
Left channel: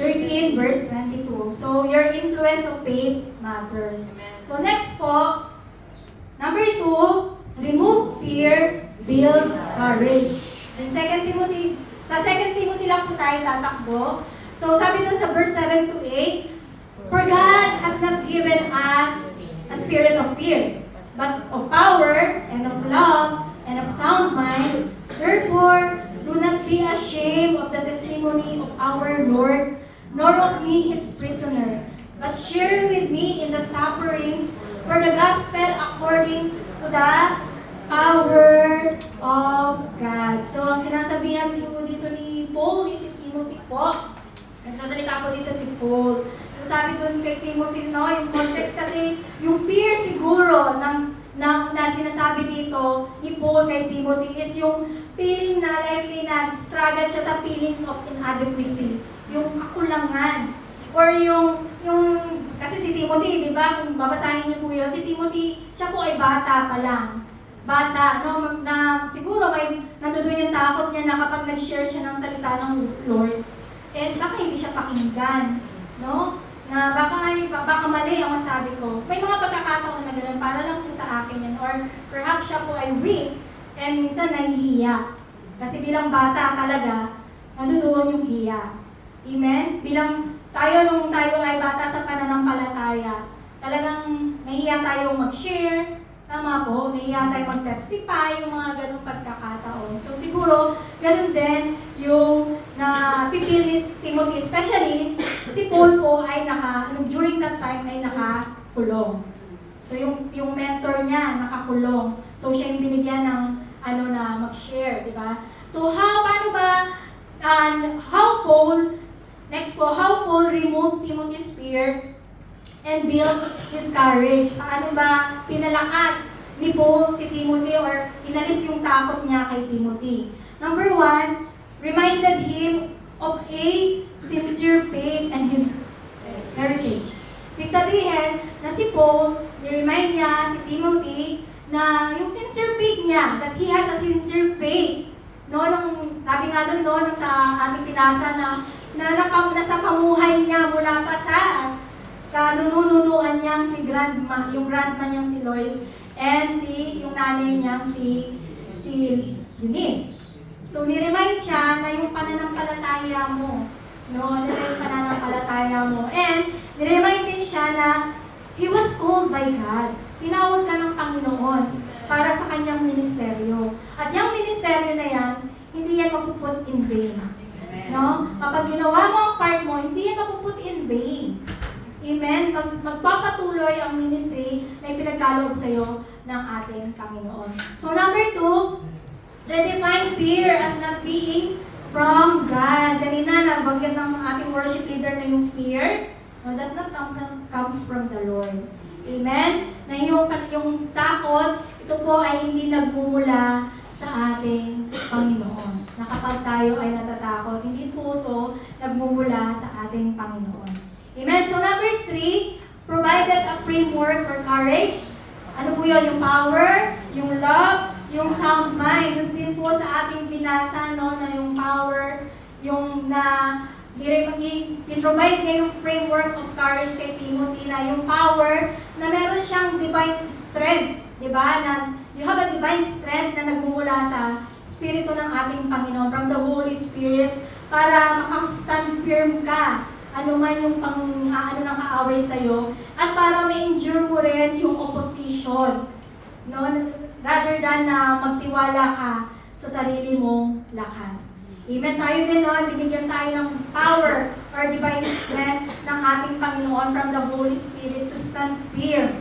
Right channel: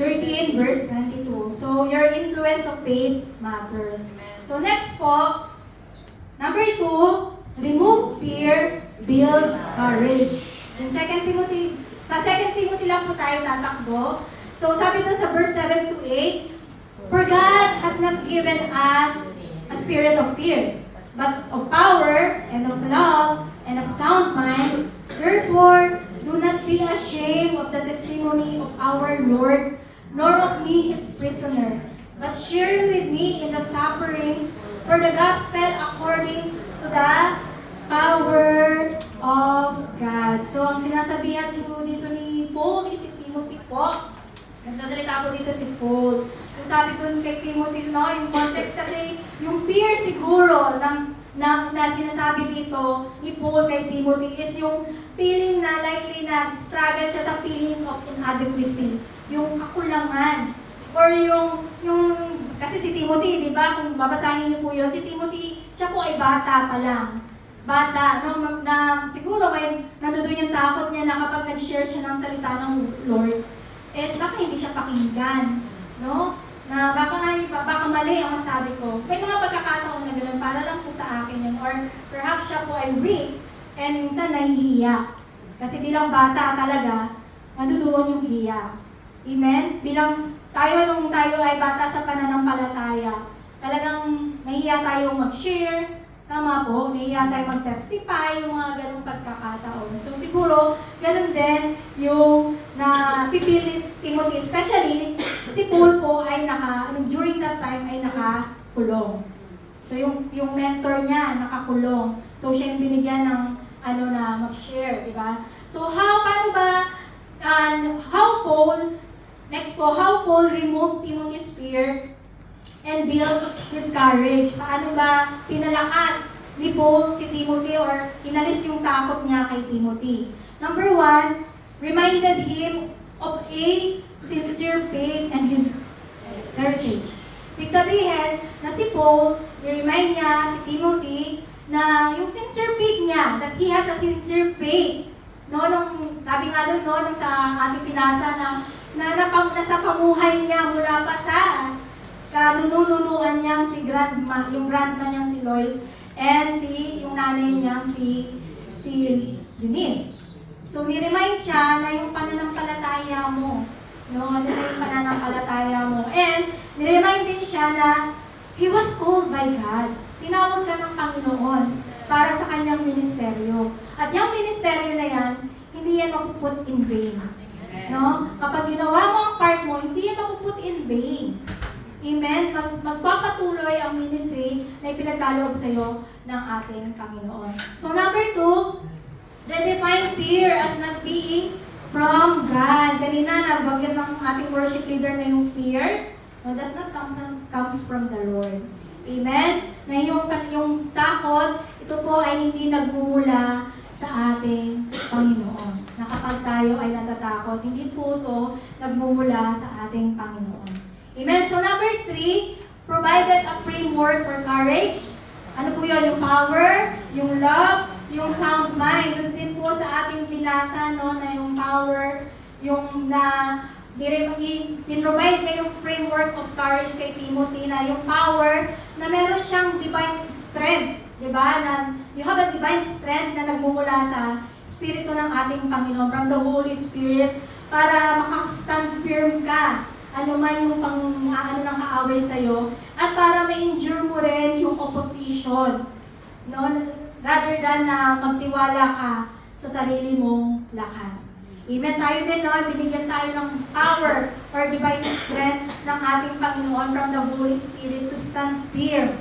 13 verse 22. So, your influence of faith matters. So, next po, number 2, remove fear, build courage. In 2 Timothy, sa 2 Timothy lang po tayo tatakbo. So, sabi doon sa verse 7 to 8, "For God has not given us a spirit of fear, but of power, and of love, and of sound mind. Therefore, do not be ashamed of the testimony of our Lord, nor of me his prisoner, but share with me in the sufferings for the gospel according to the power of God." So, ang sinasabihan po dito ni Paul is si Timothy po. Nagsasalita po dito si Paul. So, sabi doon kay Timothy, yung context kasi, yung fear siguro na sinasabi dito ni Paul kay Timothy is yung feeling na likely na struggle siya sa feelings of inadequacy. Yung kakulangan. Or yung kasi si Timothy, di ba, kung babasahin niyo po yun, si Timothy, siya po ay bata pa lang. Bata, na siguro may nandoon yung takot niya na kapag nag-share siya ng salita ng Lord, baka hindi siya pakinggan, no? Na baka mali ang sabi ko. May mga pagkakataon na gano'n, para lang po sa akin yan. Or perhaps siya po ay weak, and minsan nahihiya. Kasi bilang bata talaga, nandoon yung hiya. Amen? Bilang nung tayo ay bata sa pananampalataya, talagang nahihiya tayo mag-share, tama po, nahihiya tayo mag-testify, yung mga ganong pagkakataon. So siguro, ganun din yung napipili Timothy, especially si Paul po ay during that time ay nakakulong. So yung mentor niya nakakulong. So siya yung binigyan ng na mag-share, di ba? So paano ba, how Paul removed Timothy's fear and build his courage. Paano ba pinalakas ni Paul si Timothy or inalis yung takot niya kay Timothy? Number 1, reminded him of a sincere faith and heritage. Ibig sabihin na si Paul, ni-remind niya si Timothy na yung sincere faith niya, that he has a sincere faith. No, sabi nga doon, nung sa ating pinasa nasa pamuhay niya mula pa sa kanununuan niyang si grandma, yung grandma niyang si Lois, and yung nanay niyang si Denise. So, ni-remind siya na yung pananampalataya mo. No, ano na yung pananampalataya mo. And, ni-remind din siya na he was called by God. Tinawag ka ng Panginoon para sa kanyang ministeryo. At yung ministeryo na yan, hindi yan mapuput in vain. No? Kapag ginawa mo ang part mo, hindi yan mapuput in vain. Amen? Magpapatuloy ang ministry na ipinagkaloob sa iyo ng ating Panginoon. So number 2, redefine fear as not being from God. Kanina, nabanggit ng ating worship leader na yung fear. No, does not comes from the Lord. Amen? Na yung takot, ito po ay hindi nagmumula sa ating Panginoon. Na kapag tayo ay natatakot, hindi po ito nagmumula sa ating Panginoon. Amen? So number 3, provided a framework for courage. Ano po yun? Yung power, yung love, yung sound mind. Doon din po sa ating pinasa, no, na yung power, yung provide niya yung framework of courage kay Timothy, na yung power, na meron siyang divine strength. Diba? Na you have a divine strength na nagmumula sa Espiritu ng ating Panginoon, from the Holy Spirit, para makastand firm ka ano man yung ng kaaway sa'yo, at para ma-endure mo rin yung opposition, no? Rather than na magtiwala ka sa sarili mong lakas. Amen. Tayo din, no? Binigyan tayo ng power or divine strength ng ating Panginoon from the Holy Spirit to stand firm.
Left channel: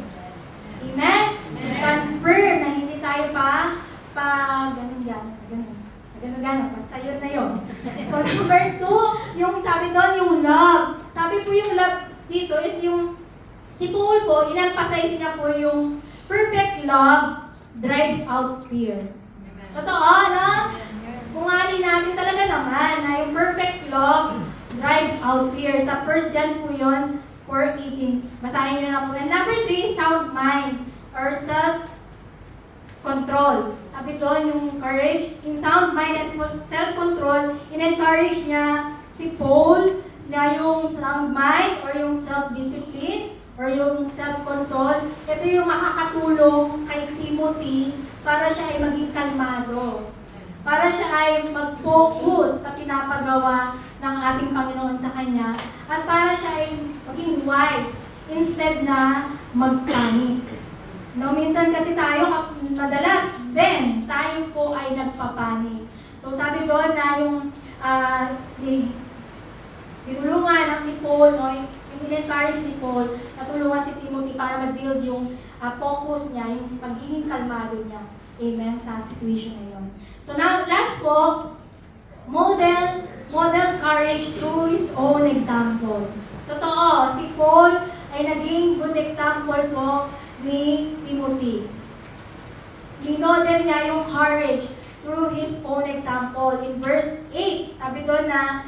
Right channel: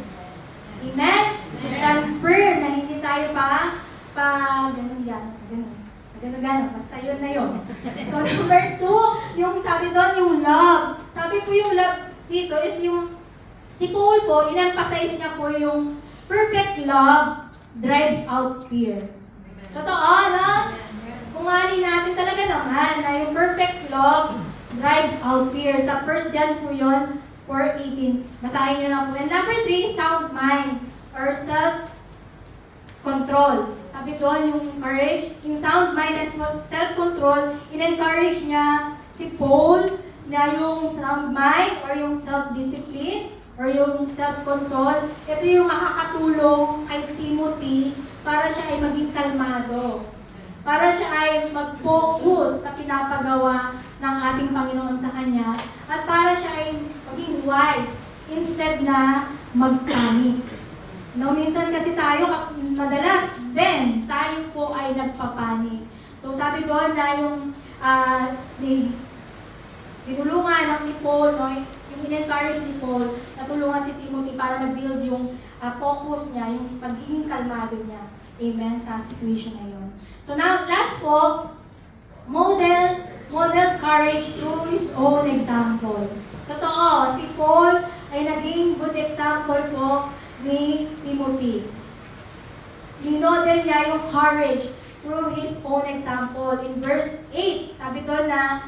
Amen? To stand firm na hindi tayo ganun. Basta yun na yun. So, number 2, yung sabi doon, yung love. Sabi po yung love dito is yung, si Paul po, in-emphasize niya po yung perfect love drives out fear. Totoo, no? Kung ani natin talaga naman na yung perfect love drives out fear. Sa 1 John po yun, 4:18. Basahin niyo na po. And number 3, sound mind or self-control. Sabi doon, yung courage, yung sound mind at self-control, in-encourage niya si Paul na yung sound mind or yung self-discipline or yung self-control, ito yung makakatulong kay Timothy para siya ay maging kalmado. Para siya ay mag-focus sa pinapagawa ng ating Panginoon sa kanya at para siya ay maging wise instead na mag-panic. No, minsan kasi tayo, madalas din, tayo po ay nagpapanik. So sabi doon na yung tinulungan ni Paul, no, yung in-encourage ni Paul, natulungan si Timothy para mag-build yung focus niya, yung pagiging kalmado niya. Amen, sa situation na yun. So now, last po, model courage through his own example. Totoo, si Paul ay naging good example po ni Timothy. Minodel niya yung courage through his own example. In verse 8, sabi doon na,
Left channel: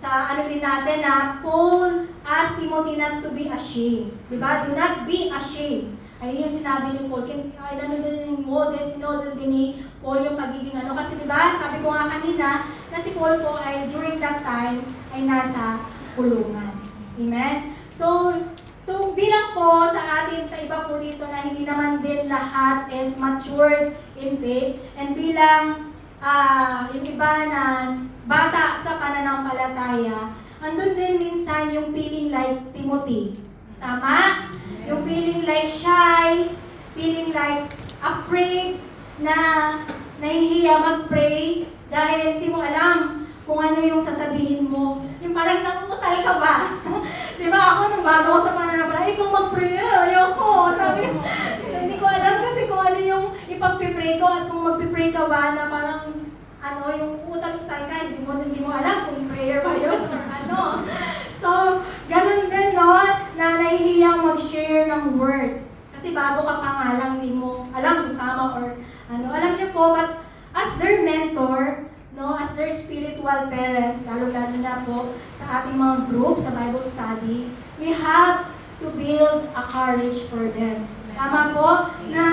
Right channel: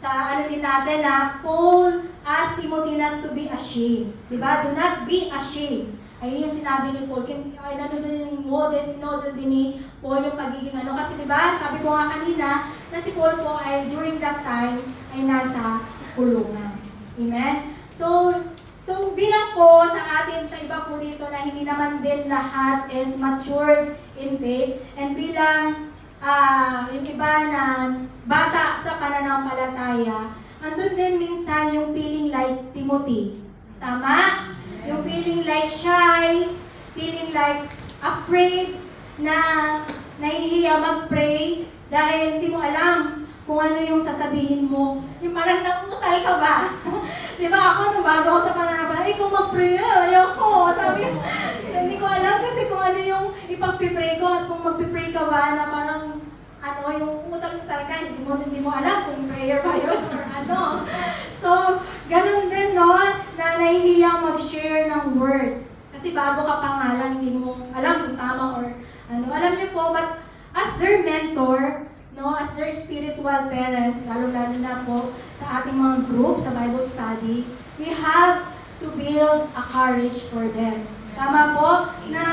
sa din natin na Paul asked Timothy not to be ashamed. Diba? Do not be ashamed. Ayun yung sinabi ni Paul, model din ni Paul yung pagiging ano. Kasi diba, sabi ko nga kanina, na si Paul po ay during that time ay nasa kulungan. Amen? So bilang po sa atin, sa iba po dito na hindi naman din lahat is matured in faith, and bilang yung iba na bata sa pananampalataya, andun din minsan yung feeling like Timothy. Tama? Yung feeling like shy, feeling like afraid, na nahihiya mag-pray dahil hindi mo alam kung ano yung sasabihin mo. Yung parang nakutal ka ba? Di ba ako, nung bago ako sa pananampalataya, kung mag-pray, ayoko. Sabi, hindi ko alam kasi kung ano yung ipag-pray ko, at kung mag-pray ka ba na parang yung utal-utal ka, hindi mo alam kung prayer ba yun or ano. So, ganun din, no, na nahihiyang mag-share ng word. Kasi bago ka pa nga lang, hindi mo alam kung tama or ano. Alam niyo po, but as their mentor, no, as their spiritual parents, lalo-lalo na po sa ating mga group, sa Bible study, we have to build a courage for them. Tama po? Na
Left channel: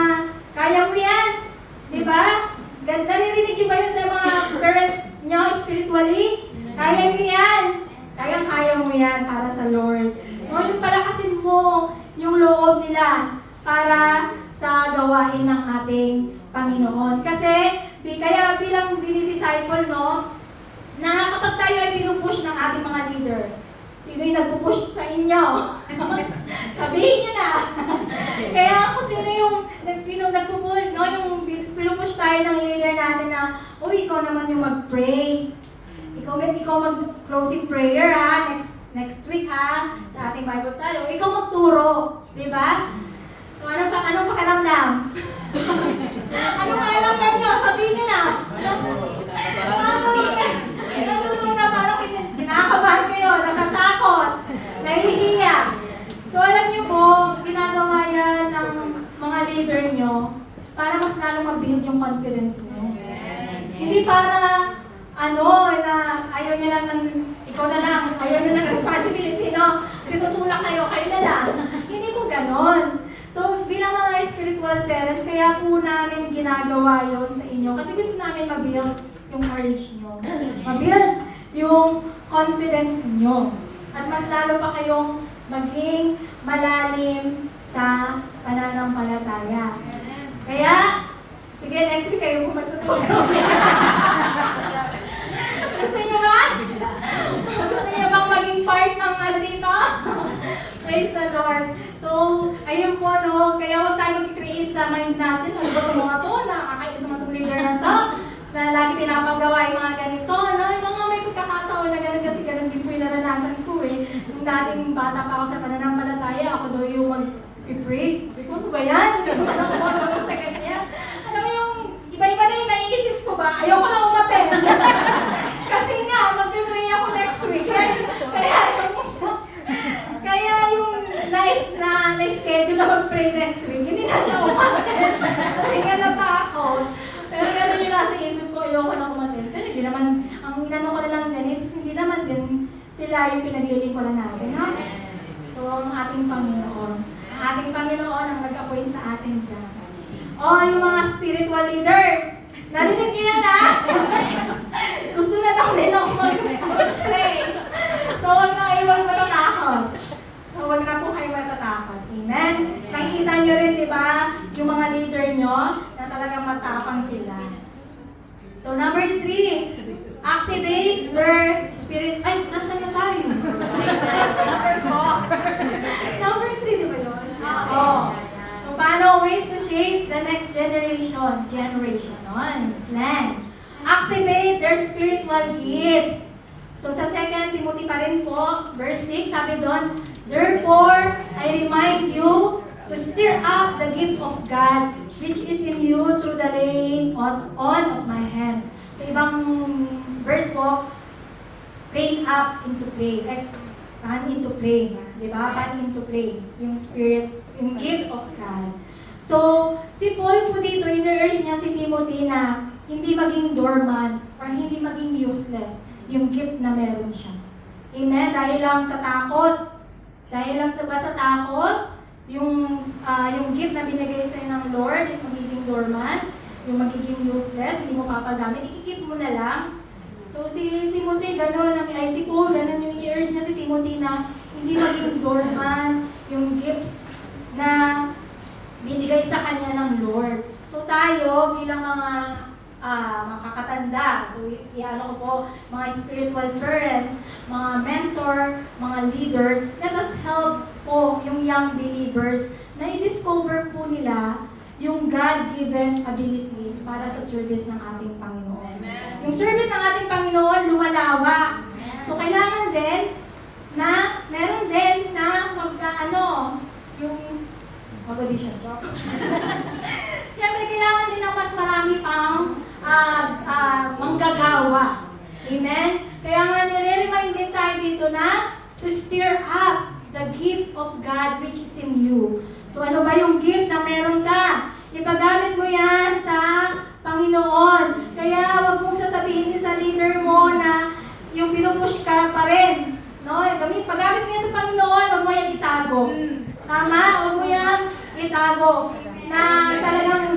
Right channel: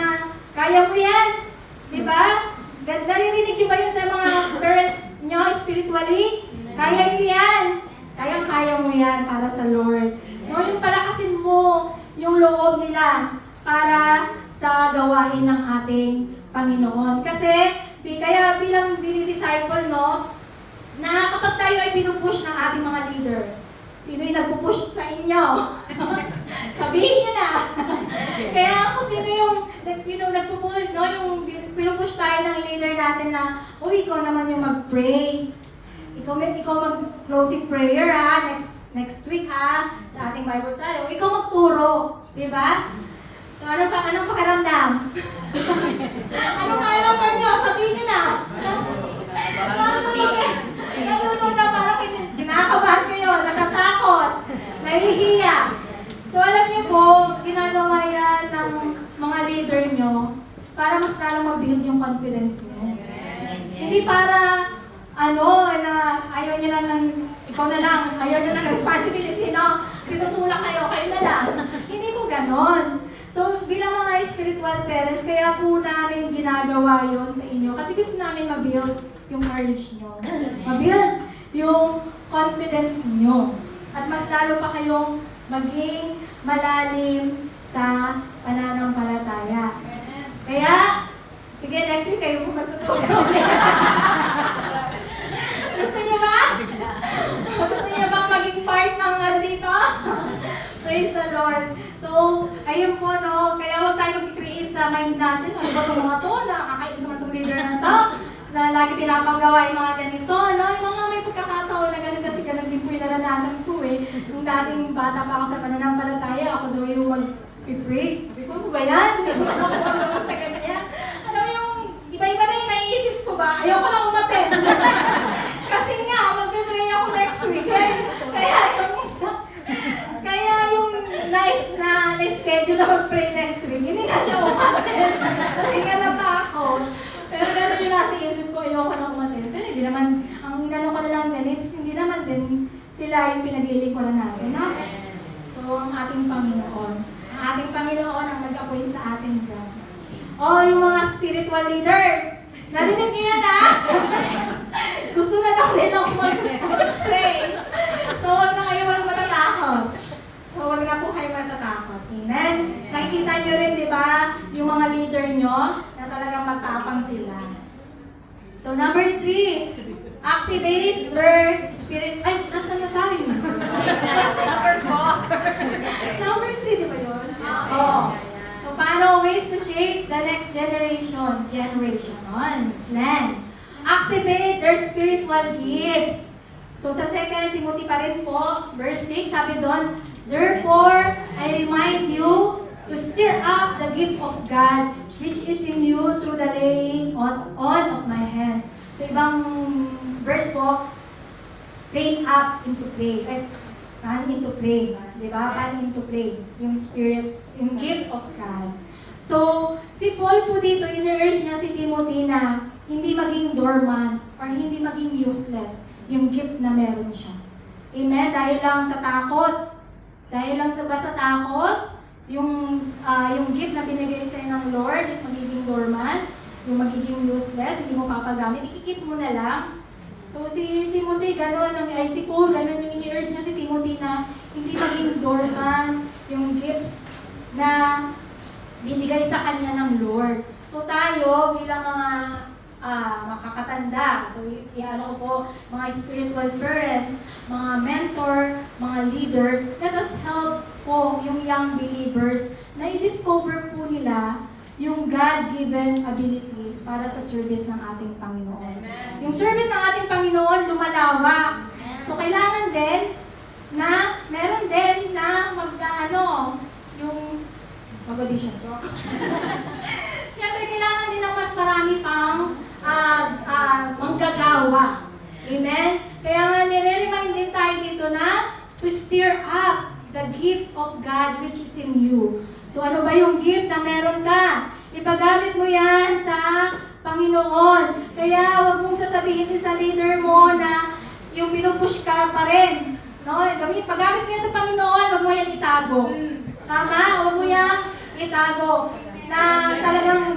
kaya mo yan. Di ba? Naririnig niyo ba yun sa mga parents niyo spiritually? Kaya niyo yan. Kaya mo yan para sa Lord. No, yung palakasin mo yung loob nila para sa gawain ng ating Panginoon. Kasi, kaya bilang dinidisciple, no, na kapag tayo ay pinupush ng ating mga leader, sino yung nagpupush sa inyo? Sabihin niyo na. Kaya kung sino yung nagpupush, no, yung pinupush tayo ng leader natin na, ikaw naman yung mag-pray. Ikaw mag-closing prayer next week sa ating Bible study. O ikaw magturo, di ba? So anong pakiramdam? Anong pakiramdam niyo? Sabihin niyo na. Natutunan na parang kinakabahan kayo, natatakot, nahihiya. So alam niyo po, ginagawa yan ng mga leader niyo para mas lalo mag-build yung confidence niyo. Hindi para na ayaw niya lang ikaw na lang, ayaw na ng responsibility, no? Tinutulak kayo na lang. Hindi po ganon. So, bilang mga spiritual parents, kaya po namin ginagawa yon sa inyo. Kasi gusto namin ma-build yung courage nyo. Ma-build yung confidence nyo. At mas lalo pa kayong maging malalim sa pananampalataya. Kaya, sige, next week kayo kung matutulog. Gusto niyo ba? Gusto niyo bang maging part ng dito? Praise the Lord. So, ayun po, no, kaya huwag tayo mag-create sa mind natin. Ano ba itong mga to? Nakakaisa mga itong leader na to? Na lagi pinapagawa yung mga ganito. Ano? Yung mga may pagkakataon na ganun kasi ganun din po yung naranasan ko eh. Nung dating bata pa ako sa pananampalataya, ako daw yung mag-pray. Ano ba yan? Hindi mo ako sa kanya. Ano yung iba-iba na yung naiisip ko ba? Ayoko na umaten. Kasi nga, mag-pray ako next week. Kaya yung na-schedule na mag-pray next week, hindi na siya umaten. Kasi nga natakot. Pero gano'n yung nasa isip ko, ayoko na umaten. Pero hindi naman, ang inano ko na lang din, hindi naman din sila yung pinaglilingkuran natin. No? So, ang ating Panginoon. Ang ating Panginoon ang nag-appoint sa atin dyan. Yung mga spiritual leaders. Narinig niyo yan, ha? Gusto na daw nilang mag-pray. So, huwag na kayo matatakot. So, huwag na po kayo matatakot. Amen? Nakikita nyo rin, di ba, yung mga leader nyo na talagang matapang sila. So, number 3, activate their spirit. Ay, nasa na tayo? Number 3, di ba yun? Oo. So, paano ways to shape the next generation? Activate their spiritual gifts. So, sa 2 Timothy pa rin po, verse 6, sabi doon, therefore, I remind you to stir up the gift of God, which is in you through the laying on of my hands. Sa ibang verse po, train up into pray. Pan into pray. Diba? Pan into pray. Yung spirit, yung gift of God. So, si Paul po dito, in-urge niya si Timothy na hindi maging dormant or hindi maging useless yung gift na meron siya. Amen? Dahil lang sa takot. Dahil lang sa takot, yung gift na binigay sa'yo ng Lord is magiging dormant, yung magiging useless, hindi mo papagamit, ikikip mo na lang. So si Timothy, gano'n, si Paul, gano'n yung i-urge niya si Timothy na hindi maging dormant yung gifts na binigay sa kanya ng Lord. So tayo, bilang mga makakatanda, so i-ano ko po, mga spiritual parents, mga mentor, mga leaders, let us help po yung young believers na i-discover po nila yung God-given abilities para sa service ng ating Panginoon. Amen. Yung service ng ating Panginoon lumalawak. So kailangan din na meron din na yung mag-audition. Siyempre kailangan din ng mas marami pang manggagawa. Amen? Kaya nga nire-remind din tayo dito na to stir up the gift of God which is in you. So ano ba yung gift na meron ka? Ipagamit mo yan sa Panginoon. Kaya wag mong sasabihin din sa leader mo na yung pinupush ka pa rin. No? Pagamit mo yan sa Panginoon, wag mo yan itago. Tama? Wag mo yan itago. Na talagang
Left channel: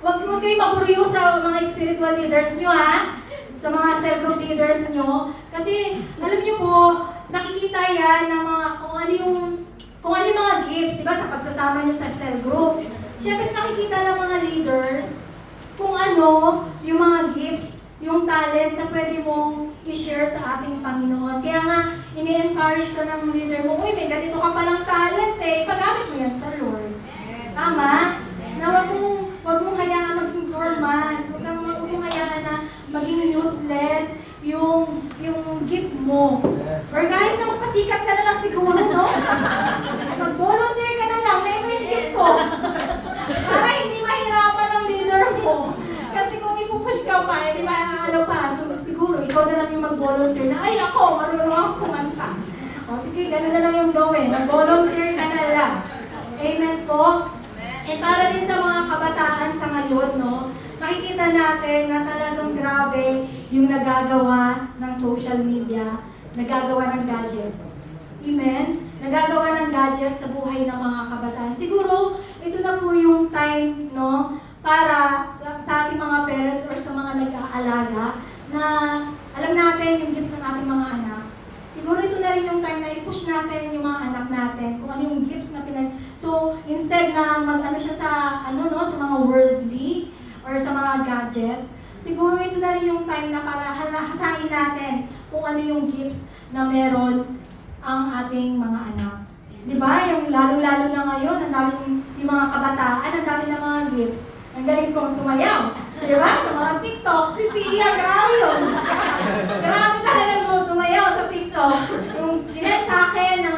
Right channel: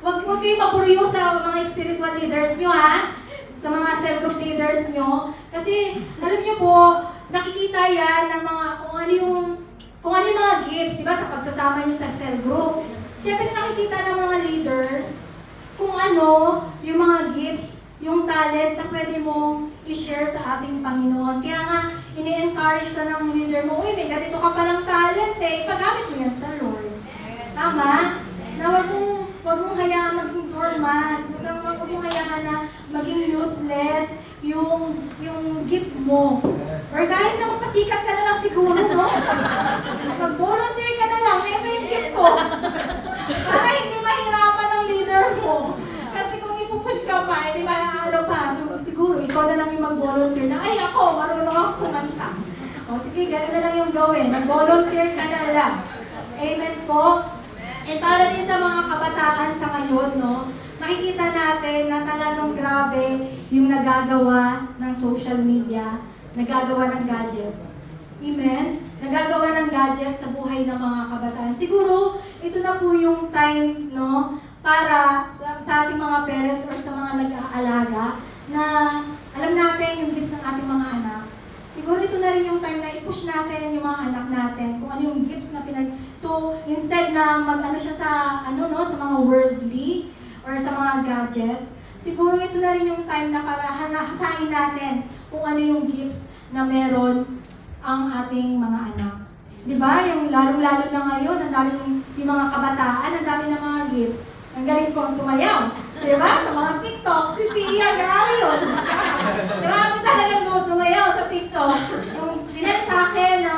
wag kayo mapuriyo sa mga spiritual leaders nyo, ha? Sa mga cell group leaders nyo. Kasi, alam nyo po, nakikita yan ng mga, kung ano yung mga gifts, di ba, sa pagsasama nyo sa cell group. Siyempre, nakikita ng mga leaders kung ano yung mga gifts, yung talent na pwede mong i-share sa ating Panginoon. Kaya nga, ini-encourage ka ng leader mo, uy, may ganito ka palang talent eh, pagamit mo yan sa Lord. Tama? Na wag mong hayaan maging dormant, wag mong hayaan na maging useless yung gift mo. Or kahit na pasikat ka na lang siguro, no? Mag-volunteer ka na lang, ito yung gift ko. Para hindi mahirapan ang leader mo. Kasi kung ipupush ka pa, di ba, siguro ikaw na lang yung mag-volunteer na, ay ako, marunong ako kumanta. O sige, ganun na lang yung gawin. Mag-volunteer ka na lang. Amen po? And para din sa mga kabataan sa ngayon, no, nakikita natin na talagang grabe yung nagagawa ng social media, nagagawa ng gadgets. Amen? Nagagawa ng gadgets sa buhay ng mga kabataan. Siguro, ito na po yung time, no, para sa ating mga parents or sa mga nag-aalaga na alam natin yung gifts ng ating mga anak. Siguro ito na rin yung time na i-push natin yung mga anak natin kung ano yung gifts na So, instead na mag-ano siya sa, sa mga worldly or sa mga gadgets, siguro ito na rin yung time na para hasain natin kung ano yung gifts na meron ang ating mga anak. Di ba? Yung lalo-lalo na ngayon, ang daming yung mga kabataan, ang dami ng mga gifts. Ang galing kong sumayaw. Di ba? Sa mga TikTok, si Sia, grabe yun. Grabe talaga mo sumayaw sa TikTok. Yung sinend sa akin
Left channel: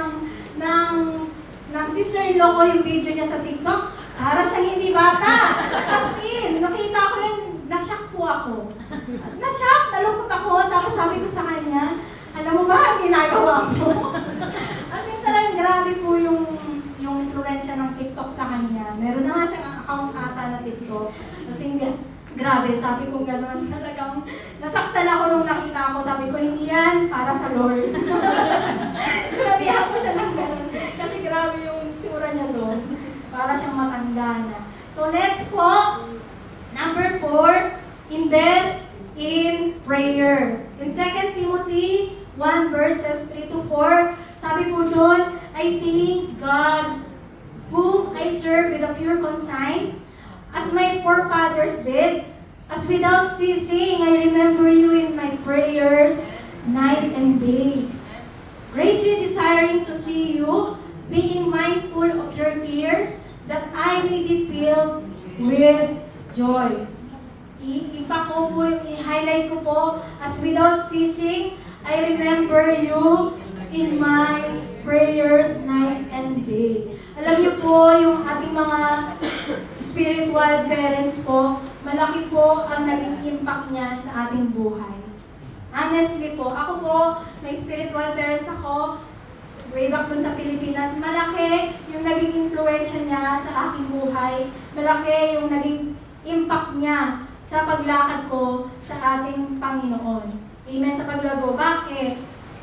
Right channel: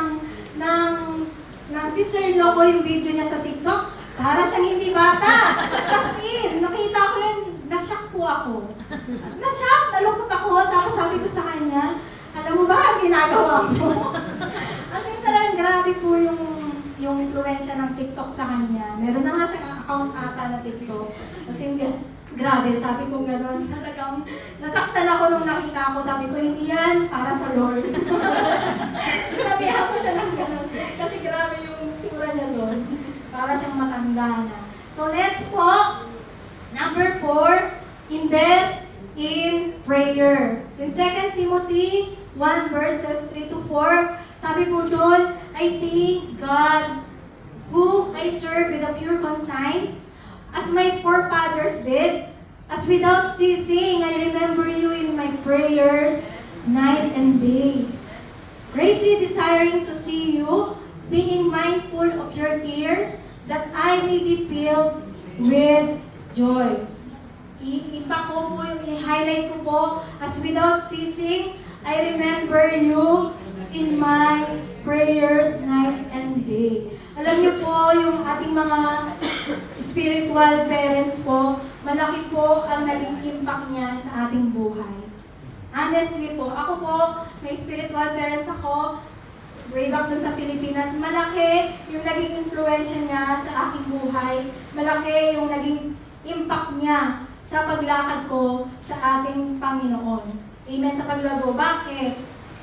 ng sister-in-law ko yung video niya sa TikTok, para siyang hindi bata. Kasi, nakita ko yun, na-shock po ako. Na-shock, nalungkot ako, tapos sabi ko sa kanya, alam mo ba ang ginagawa mo? Kasi talagang grabe po yung influensya ng TikTok sa kanya. Meron na nga siyang account ata na TikTok. Kasi grabe, sabi ko gano'n, talagang nasaktan ako nung nakita ko. Sabi ko, hindi yan para sa Lord. Sabihan ko siya ng gano'n. Kasi grabe yung tsura niya doon. Para siyang matanda na. So let's po, number 4, invest in prayer. In 2 Timothy 1 verses 3 to 4, sabi po doon, I thank God whom I serve with a pure conscience, as my forefathers did, as without ceasing I remember you in my prayers night and day, greatly desiring to see you, being mindful of your tears, that I may be filled with joy. I-highlight ko po, as without ceasing I remember you in my prayers night and day. Alam niyo po, yung ating mga spiritual parents ko, malaki po ang naging impact niya sa ating buhay. Honestly po, ako po, may spiritual parents ako, way back dun sa Pilipinas, malaki yung naging influensya niya sa aking buhay. Malaki yung naging impact niya sa paglakad ko sa ating Panginoon. Amen sa paglago. Bakit?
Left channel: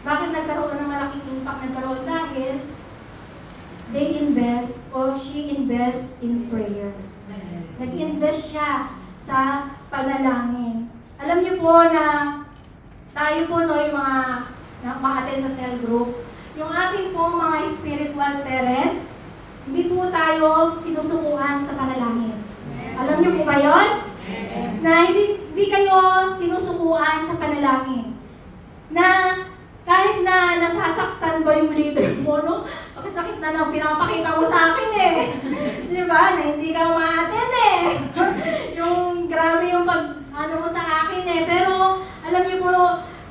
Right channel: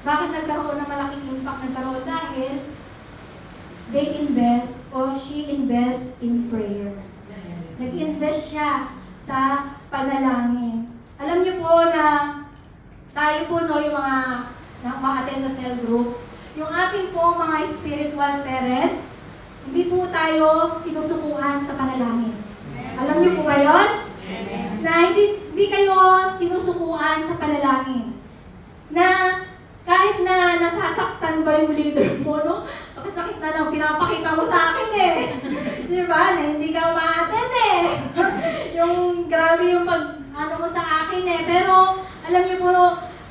Bakit nagkaroon ng malaking impact? Nagkaroon dahil she invests in prayer. Nag-invest siya sa panalangin. Alam niyo po na tayo po, no, yung mga ma-attend sa cell group, yung ating po mga spiritual parents, hindi po tayo sinusukuan sa panalangin. Alam niyo po ba yun? Na hindi kayo sinusukuan sa panalangin. Na kahit na nasasaktan ba yung leader mo, no? Sakit-sakit na lang pinapakita mo sa akin eh. Di ba? Na hindi ka ma-attend eh. Yung grabe yung ano mo sa akin eh. Pero alam niyo po,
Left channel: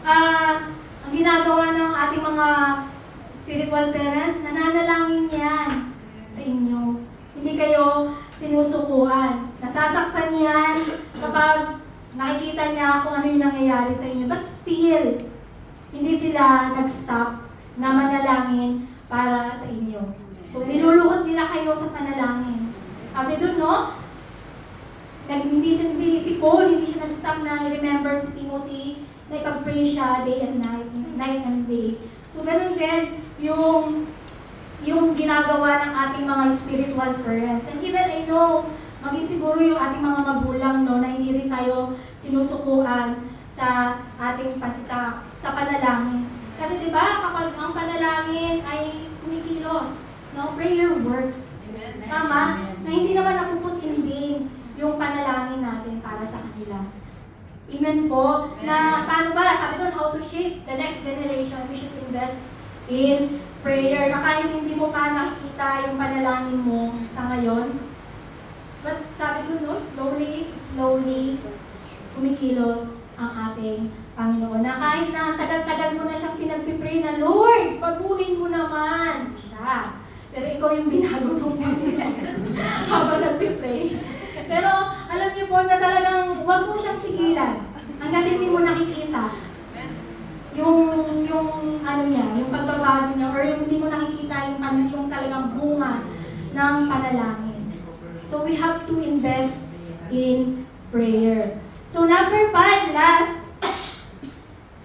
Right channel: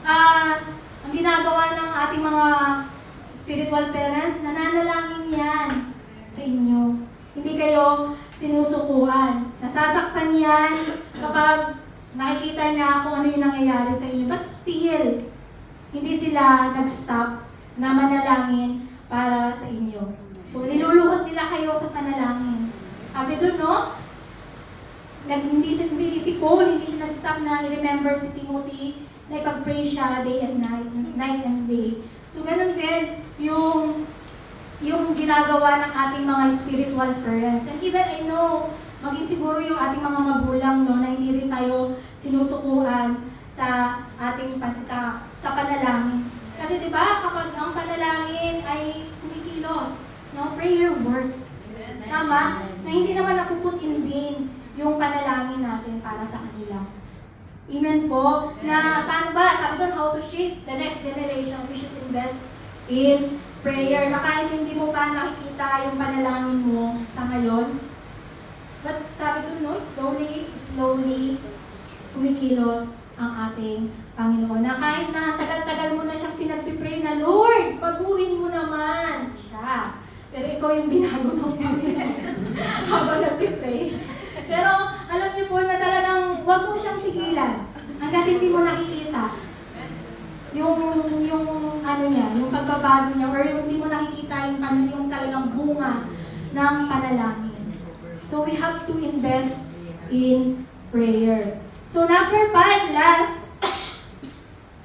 ang ginagawa ng ating mga spiritual parents, nananalangin yan sa inyo. Hindi kayo sinusukuan. Nasasaktan yan kapag nakikita niya kung ano yung nangyayari sa inyo. But still, hindi sila nag-stop na manalangin para sa inyo. So, niluluhod nila kayo sa panalangin. Sabi doon, no? Hindi si Paul, hindi siya nag-stop na i-remember si Timothy na ipag-pray siya day and night and day. So, ganun din yung ginagawa ng ating mga spiritual parents. And even I know, maging siguro yung ating mga magulang, no, na hindi rin tayo sinusukuan sa ating sa panalangin. Kasi 'di ba, kapag ang panalangin ay kumikilos, no, prayer works. Tama? Na hindi naman napuput in vain yung panalangin natin para sa kanila. Amen po. Na paano ba? Sabi doon, how to shape the next generation, we should invest in prayer. Na kahit hindi mo pa nakikita yung panalangin mo sa ngayon, but sabi doon, no, slowly kumikilos ang ating Panginoon. Na kahit na tagal-tagal mo na siyang pinagpipray na, Lord, baguhin mo naman siya. Pero ikaw yung binago mo habang nagpipray. Pero alam niyo po na talagang huwag mo siyang tigilan. Hanggang hindi mo nakikita yung ano niya, yung pagbabago niya, or yung hindi mo nakikita yung talagang bunga ng panalangin. So we have to invest in prayer. So number 5, last,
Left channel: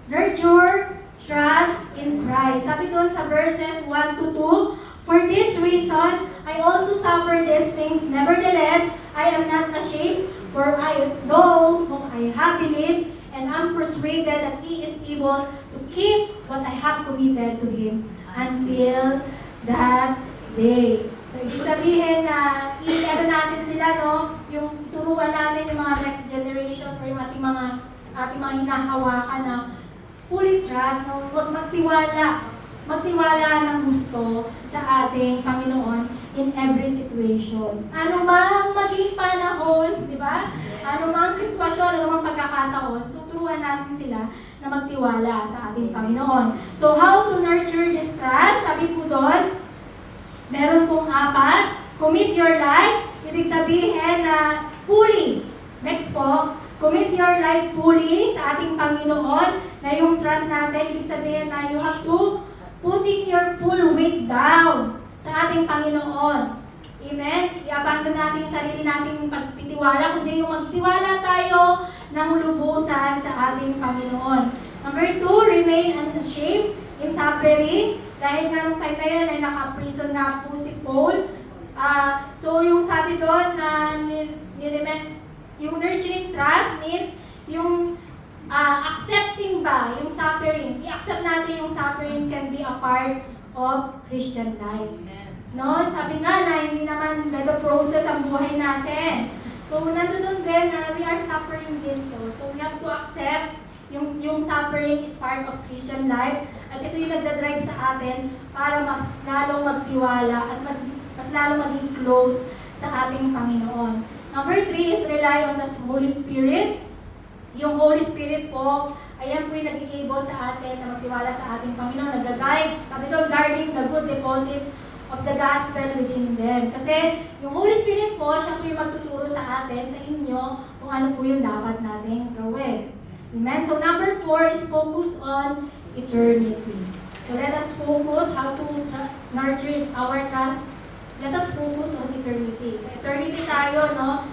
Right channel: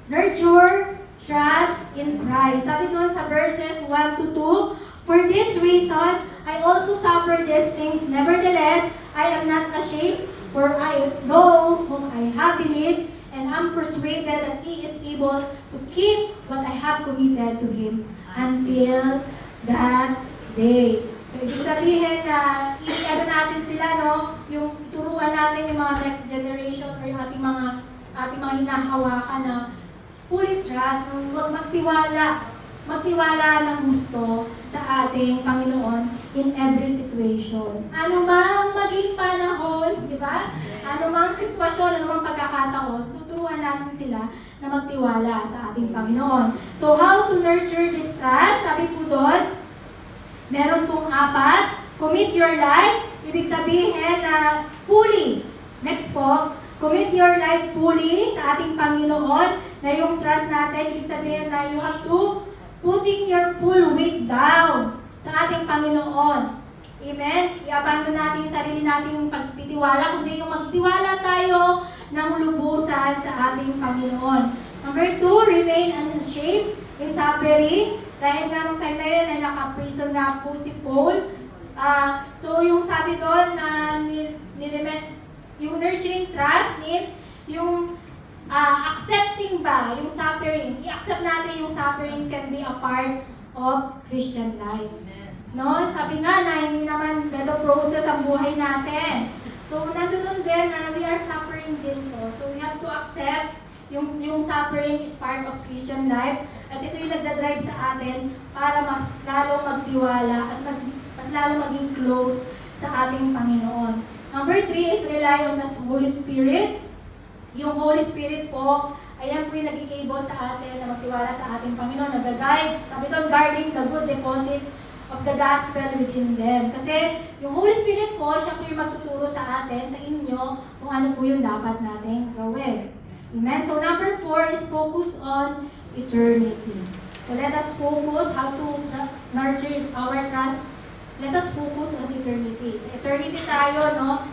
nurture trust in Christ. Sabi doon sa verses 1 to 2, for this reason, I also suffer these things. Nevertheless, I am not ashamed, for I know whom I have believed, and am persuaded that He is able to keep what I have committed to Him until that day. So, ibig sabihin na i-ano natin sila, no? Yung ituruan natin yung mga next generation or yung ating mga hinahawakan na fully trust, no? Magtiwala ng gusto sa ating Panginoon in every situation. Ano mang maging panahon, di ba? Ano mang sitwasyon, ano mang pagkakataon, so turuan natin sila na magtiwala sa ating Panginoon. So, how to nurture this trust? Sabi po doon, meron pong 4. Commit your life. Ibig sabihin na fully. Next po, commit your life fully sa ating Panginoon. Na yung trust natin, ibig sabihin na you have to putting your full weight down sa ating Panginoon. Amen? I-abandon natin yung sarili nating pagtitiwala, kundi yung magtiwala tayo ng lubusan sa ating Panginoon. Number 2, remain unashamed in suffering. Dahil nga nung time na yun ay naka-prison nga po si Paul. So yung sabi doon na yung nurturing trust means yung accepting ba yung suffering. I-accept natin yung suffering can be a part of Christian life. No? Sabi nga na hindi naman better process ang buhay natin. So nandun din na we are suffering din po. So we have to accept yung suffering is part of Christian life. At ito yung nagdadrive sa atin para mas lalong magtiwala at mas lalong maging close sa ating Panginoon. Number 3 is rely on the Holy Spirit. Yung Holy Spirit po, ayan po yung nag-enable sa atin na magtiwala sa ating Panginoon. Nag-guide, sabi doon, guarding the good deposit of the gospel within them. Kasi yung Holy Spirit po, siya po yung magtuturo sa atin, sa inyo, kung ano po yung dapat natin gawin. Amen? So number 4 is focus on eternity. So let us focus how to nurture our trust. Let us focus on eternity. Sa eternity tayo, no?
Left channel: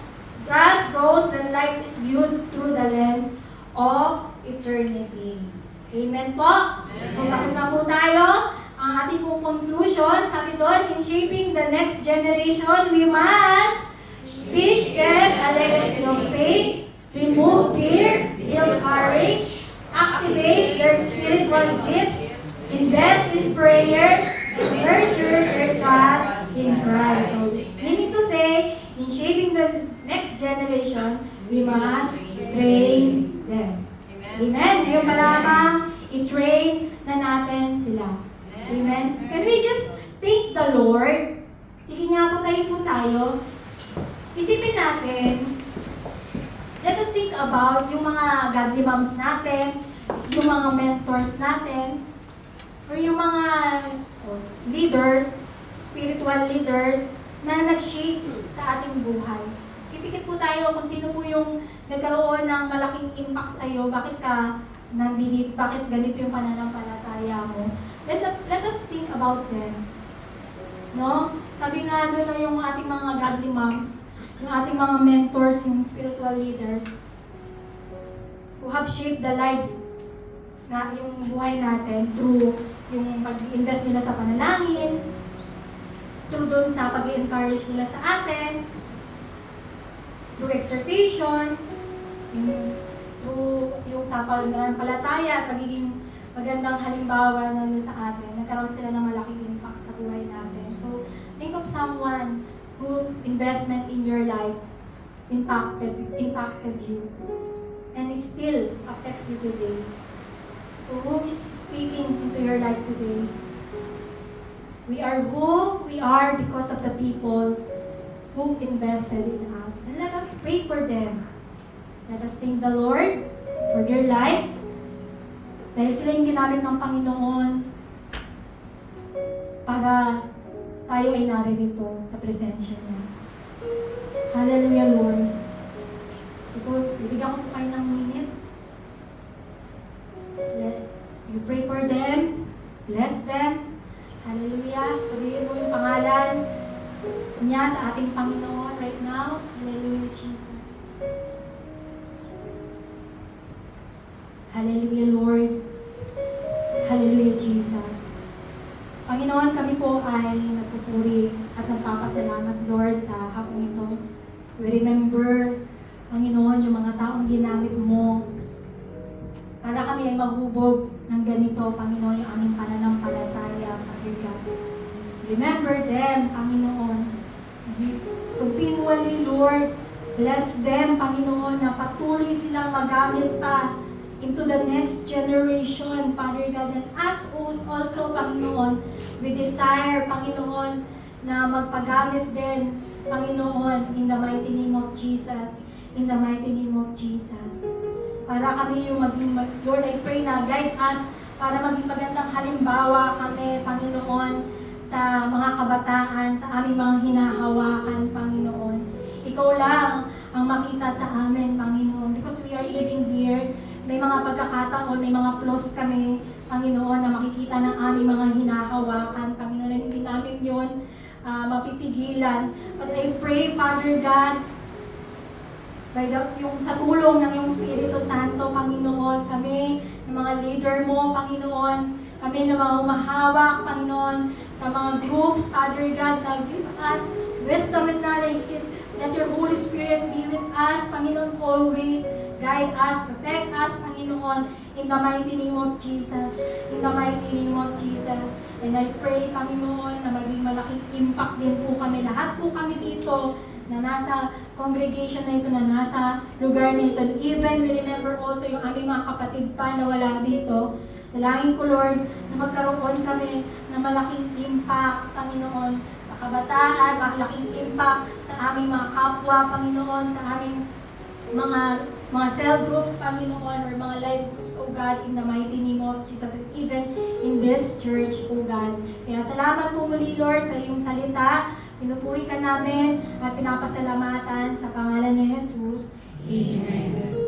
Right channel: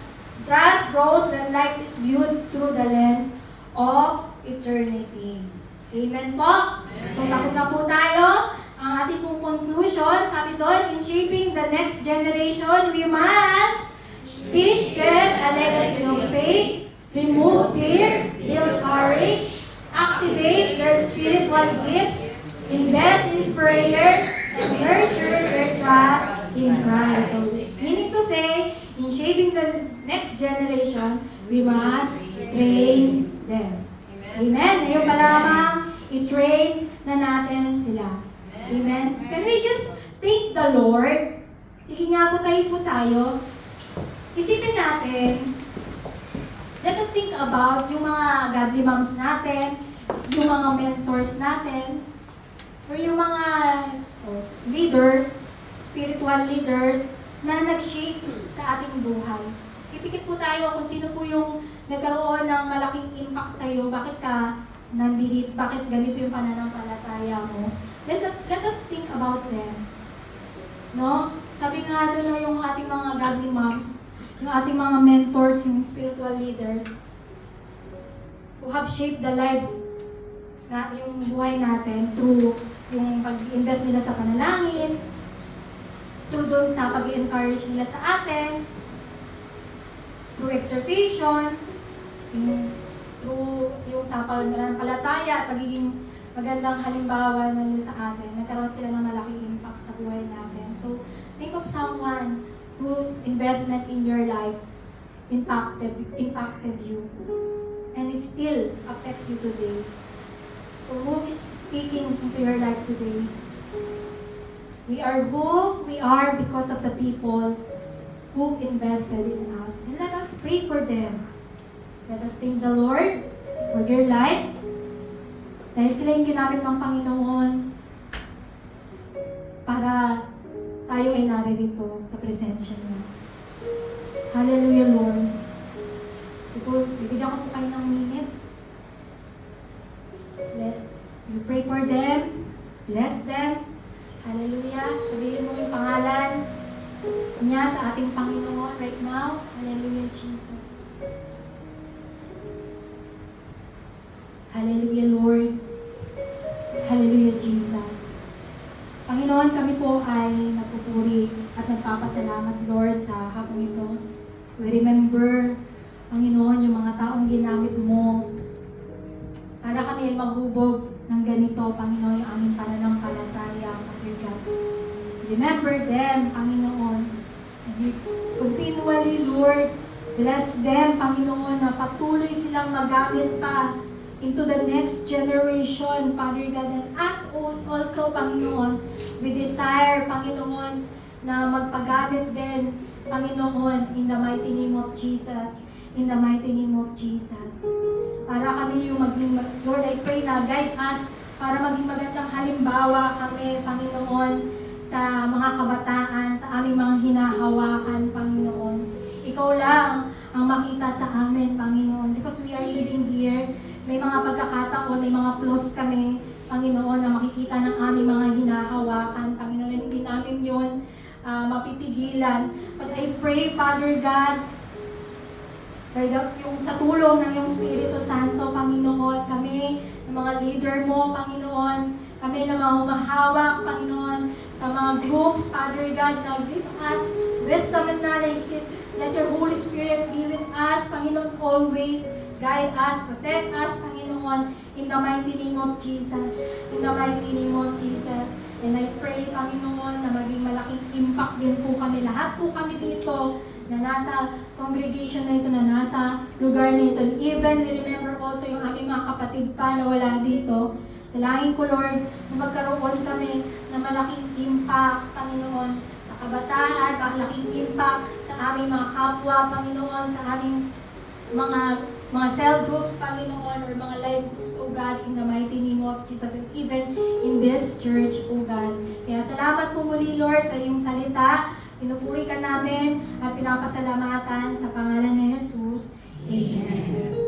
Trust grows when life is viewed through the lens of eternity. Amen po? So tapos na po tayo. Ang ang ating pong conclusion, sabi doon, in shaping the next generation, we must teach them a legacy of faith, remove fear, build courage, activate their spiritual gifts, invest in prayer, and nurture their trust in Christ. So, meaning to say, in shaping the next generation, we must train them. Amen? Ngayon pa lamang, i-train na natin sila. Amen? Can we just thank the Lord? Sige nga po tayo. Isipin natin, let us think about yung mga godly moms natin, yung mga mentors natin, or yung mga leaders, spiritual leaders, na nag-shape sa ating buhay. Pipikit po tayo kung sino po yung nagkaroon ng malaking impact sa iyo, bakit ka nandito, bakit ganito yung pananampalataya mo. Let us think about them. No? Sabi nga doon yung ating mga godly moms, yung ating mga mentors, yung spiritual leaders, who have shaped the lives na yung buhay natin through yung pag-invest nila sa panalangin, through doon sa pag-encourage nila sa atin, through exhortation, through yung sa pananampalataya at pagiging magandang halimbawa na sa atin. Nagkaroon sila ng malaking impact sa buhay natin. So, think of someone whose investment in your life impacted you. And it still affects you today. So, who is speaking into your life today? We are who we are because of the people who invested in us. And let us pray for them. Let us thank the Lord for their life. Dahil sila yung ginamit ng Panginoon para tayo ay naririto sa presensya niya. Hallelujah, Lord. Bibigyan ko po kayo ng minute. You pray for them. Bless them. Hallelujah. Sabihin mo yung pangalan niya sa ating Panginoon right now. Hallelujah, Jesus. Hallelujah, Lord. Hallelujah, Jesus. Panginoon, kami po ay nagpupuri at nagpapasalamat, Lord, sa hapong ito. We remember, Panginoon, yung mga taong ginamit mo para kami ay maghubog ng ganito, Panginoon, yung aming pananampalataya, Dear God. Remember them, Panginoon. And continually, Lord, bless them, Panginoon, na patuloy silang magamit pa into the next generation, Father God. And us also, Panginoon, we desire, Panginoon, na magpagamit din, Panginoon, in the mighty name of Jesus. In the mighty name of Jesus. Para kami yung maging, Lord, I pray na guide us para maging magandang halimbawa kami, Panginoon, sa mga kabataan, sa aming mga hinahawakan, Panginoon. Ikaw lang ang makita sa amin, Panginoon. Because we are living here, may mga pagkakataon, may mga flaws kami, Panginoon, na makikita ng aming mga hinahawakan, Panginoon. Hindi namin yun mapipigilan. But I pray, Father God, yung sa tulong ng iyong Espiritu Santo, Panginoon, kami, ng mga leader mo, Panginoon, kami na mga humahawak, Panginoon, sa mga groups, Father God, na give us wisdom and knowledge. Let your Holy Spirit be with us, Panginoon, always. Guide us, protect us, Panginoon, in the mighty name of Jesus. In the mighty name of Jesus. And I pray, Panginoon, na maging malaking impact din po kami. Lahat po kami dito na nasa congregation na ito, na nasa lugar na ito. And even we remember also yung aming mga kapatid pa na wala dito. Dalangin ko, Lord, na magkaroon kami ng malaking impact, Panginoon, sa kabataan, malaking impact sa aming mga kapwa, Panginoon, sa aming mga cell groups, Panginoon, or mga life groups, O God, in the mighty name of Jesus, and even in this church, O God. Kaya salamat po muli, Lord, sa iyong salita. Pinupuri ka namin at pinapasalamatan sa pangalan ni Jesus. Amen.